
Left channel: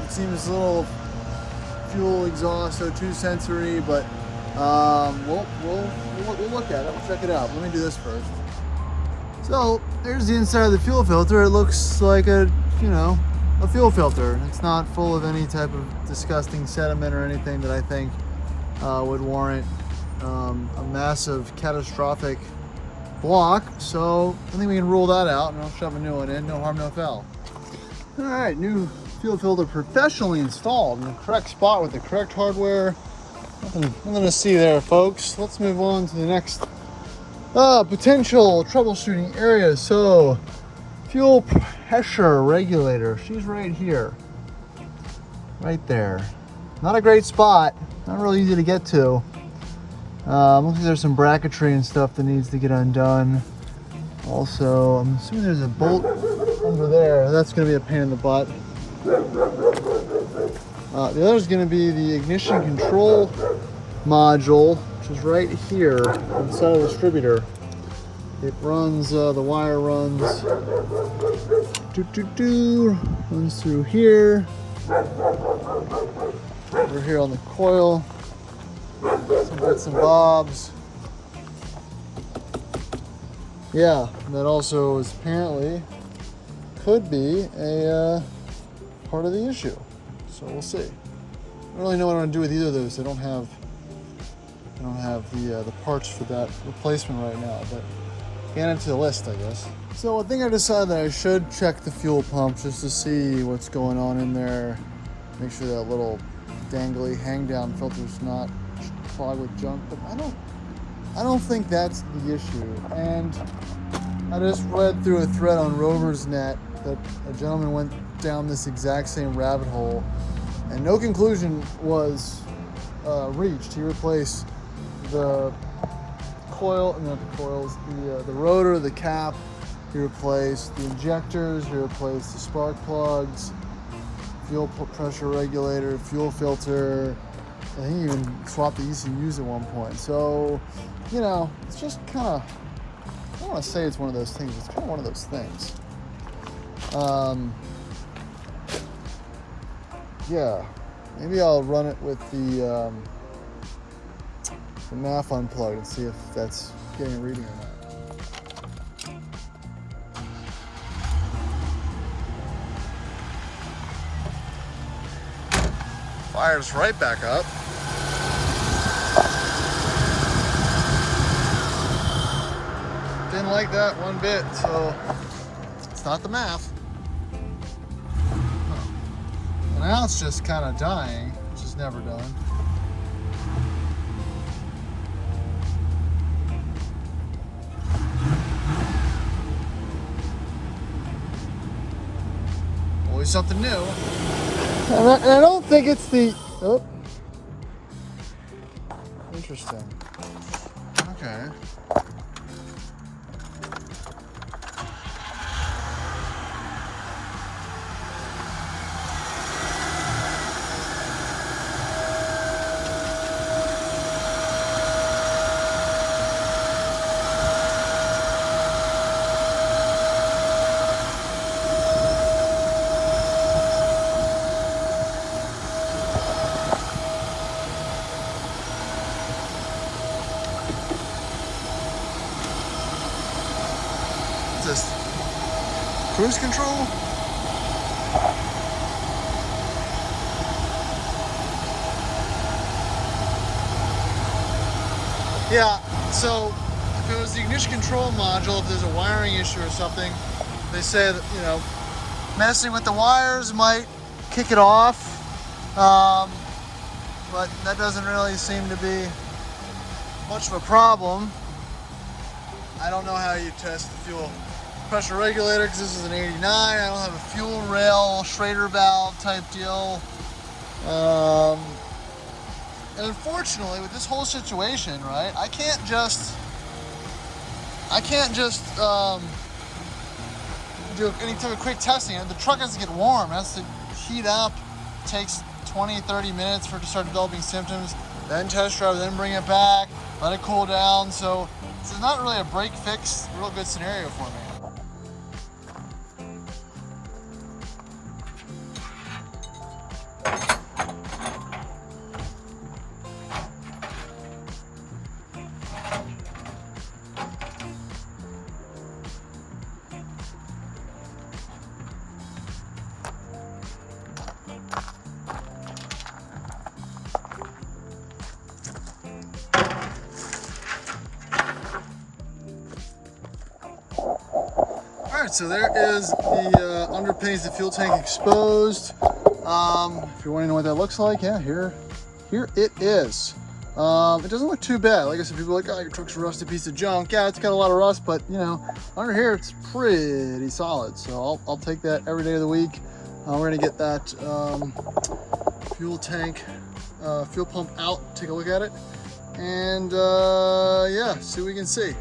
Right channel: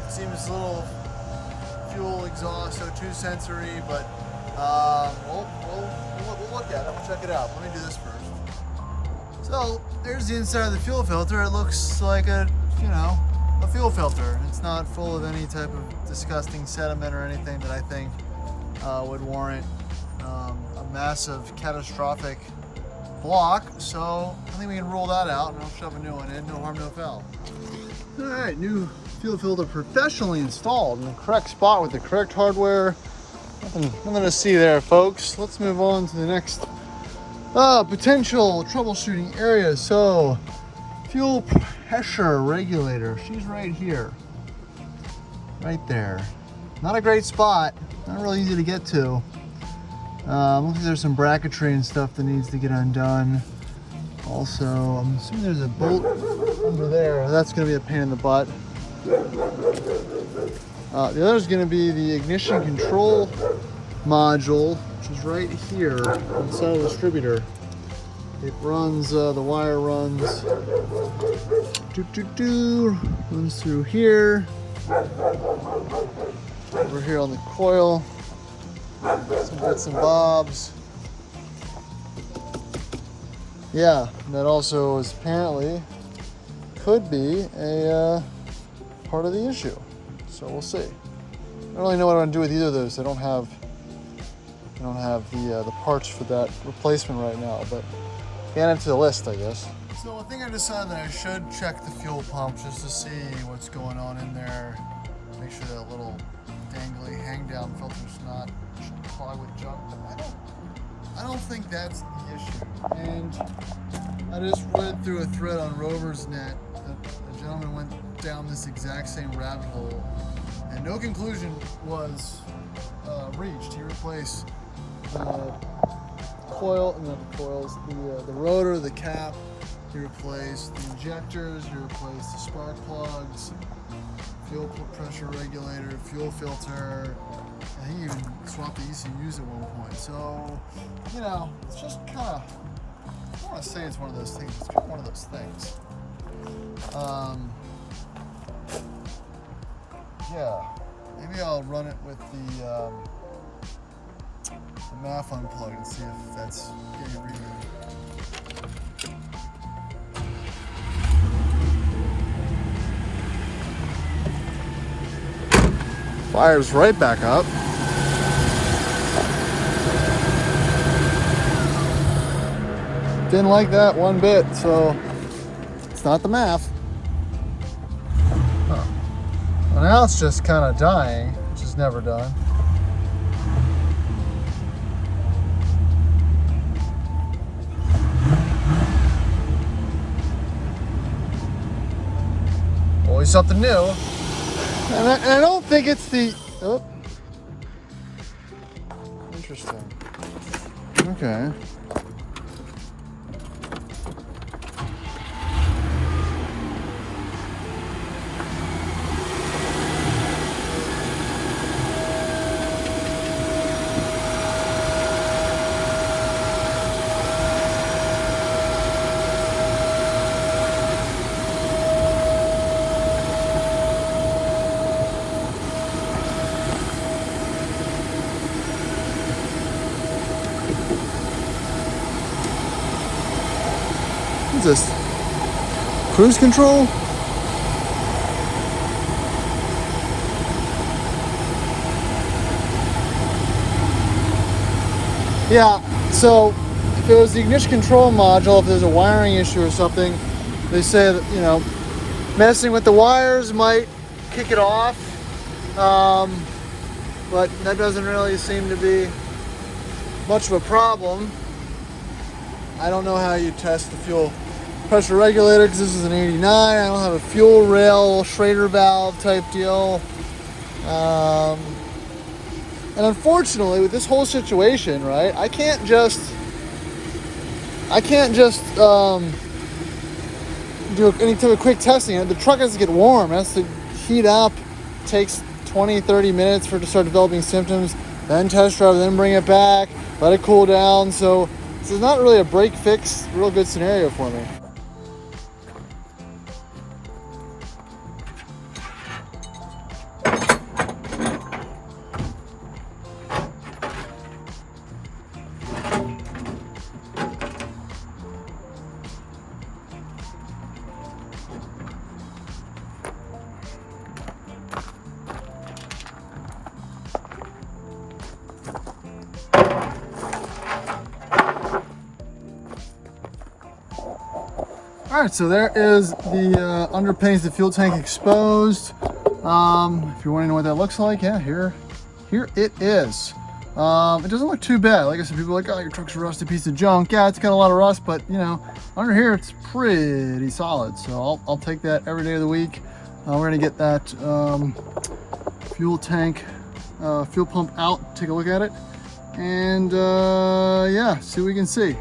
It seems a little fuel exhaust O2 sensory, but we'll look at it. We'll check it out. Let me do this first. So there's the inside of the fuel filter. It looks like a fuel filter. It's not full of any type of disgusting sediment or anything that I think would warrant a massive catastrophic block. So I think we can rule that out and I'll shove a new one in. No harm, no foul. All right, new fuel filter professionally installed in the correct spot with the correct hardware. Nothing to see there, folks. Let's move on to the next potential troubleshooting area. So fuel pressure regulator, she's right here, right there. Not a great spot, not really easy to get to. Looks like there's some bracketry and stuff that needs to get undone. Also, I'm assuming there's a bolt under there. That's going to be a pain in the butt. The other is going to be the ignition control module, which is right here inside of the distributor. It runs, the wire runs, runs through here, over here on the coil. Some bits and bobs. Yeah, and that also is apparently could be a part of the issue. So we'll see. I don't really know what I'm gonna do with either of those. I don't have the parts for that replacement right now, but get into the list, I guess. So I think I decided that I should check the fuel pump just to see what's going on in there. Make sure that little dangly hang down filter's not clogged with junk, but I don't think that's the issue. And I just read through a thread on Rover's net that a gentleman went down this exact same rabbit hole and no conclusion was reached. He replaced the coil, not the coils, the rotor, the cap. He replaced the injectors, he replaced the spark plugs, fuel pressure regulator, fuel filter, and he even swapped the ECUs at one point. So, you know, it's just kind of, I don't want to say it's one of those things, it's kind of one of those things. Yeah, maybe I'll run it with the MAF unplugged and see if that's getting a reading. Fires right back up. Didn't like that one bit, so it's not the MAF. Well, now it's just kind of dying, which is never done. Always something new. And I don't think it's the, oh, interesting. Okay. What's this? Cruise control? Yeah, so if it was the ignition control module, if there's a wiring issue or something, they say that, you know, messing with the wires might kick it off, but that doesn't really seem to be much of a problem. I don't know how you test the fuel pressure regulator because this is an 89. I don't have a fuel rail Schrader valve type deal. And unfortunately, with this whole situation, right, I can't just do any type of quick testing. The truck has to get warm, it has to heat up. It takes 20-30 minutes for it to start developing symptoms, then test drive, then bring it back, let it cool down. So this is not really a break fix, real good scenario for me. All right, so there is the underpinnings, the fuel tank exposed. If you want to know what that looks like, yeah, here it is. It doesn't look too bad. Like I said, people are like, oh, your truck's a rusty piece of junk. Yeah, it's got a lot of rust, but you know, under here it's pretty solid. So I'll take that every day of the week. I'm ready to get that fuel tank, fuel pump out, take a look at it, and yeah, see what we can see.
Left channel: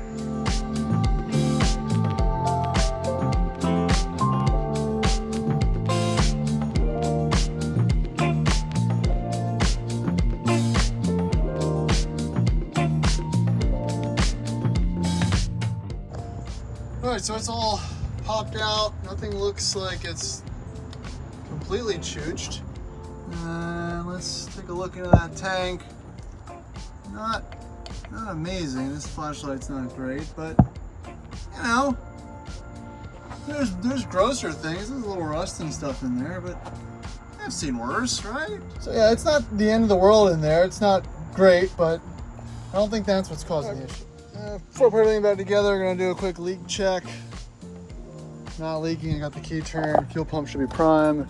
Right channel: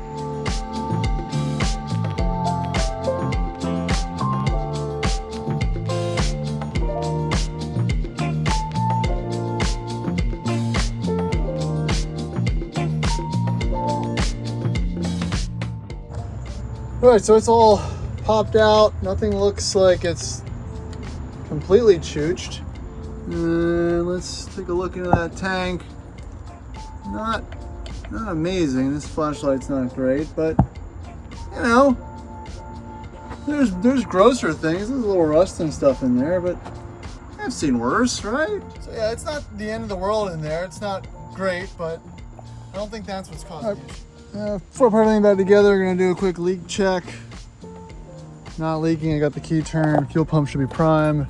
All right, so it's all popped out. Nothing looks like it's completely chooched. Let's take a look into that tank. Not amazing. This flashlight's not great, but you know, there's grosser things. There's a little rust and stuff in there, but I've seen worse, right? So yeah, it's not the end of the world in there. It's not great, but I don't think that's what's causing the issue. Before I put everything back together, we're gonna do a quick leak check. Not leaking, I got the key turned, fuel pump should be prime.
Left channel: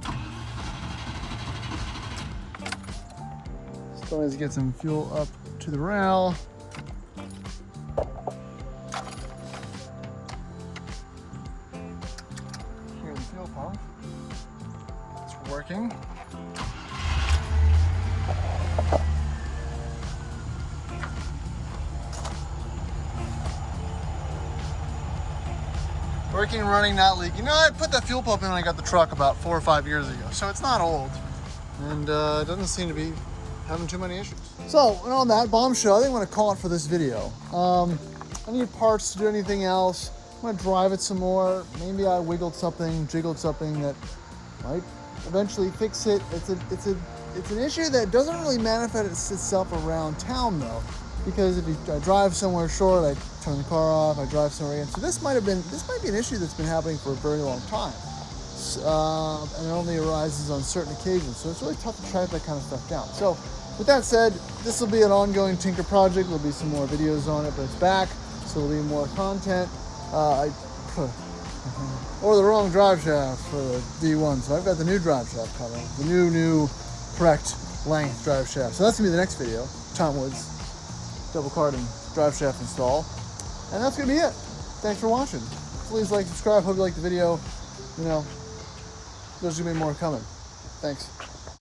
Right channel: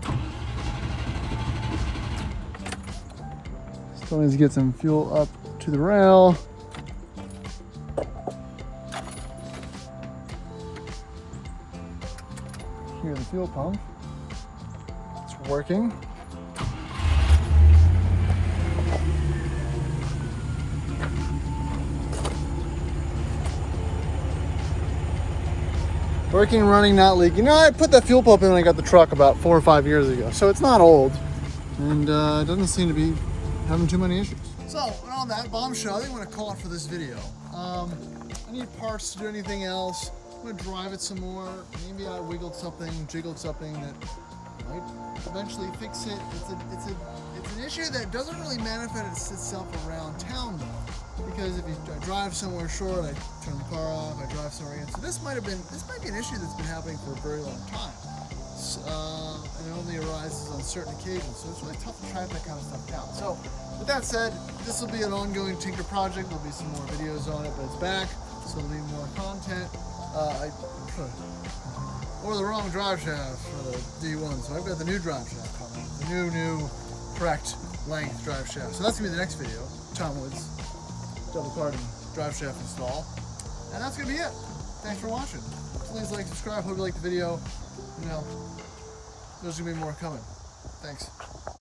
So let's get some fuel up to the rail. Here's the fuel pump. It's working. Working, running, not leaking. No, I put that fuel pump in when I got the truck about 4 or 5 years ago, so it's not old, and it doesn't seem to be having too many issues. So, and on that bombshell, I think I'm gonna call it for this video. I need parts to do anything else. I'm gonna drive it some more. Maybe I wiggled something, jiggled something that might eventually fix it. It's an issue that doesn't really manifest itself around town though, because if I drive somewhere short, I turn the car off, I drive somewhere again. So this might be an issue that's been happening for a very long time. And it only arises on certain occasions. So it's really tough to track that kind of stuff down. So with that said, this will be an ongoing tinker project. There'll be some more videos on it, but it's back. So there'll be more content. Or the wrong drive shaft for the D1. So I've got the new drive shaft coming. The new correct length drive shaft. So that's gonna be the next video. Tom Woods double carbon drive shaft install. And that's gonna be it. Thanks for watching. Please like, subscribe. Hope you liked the video. You know, there's gonna be more coming. Thanks.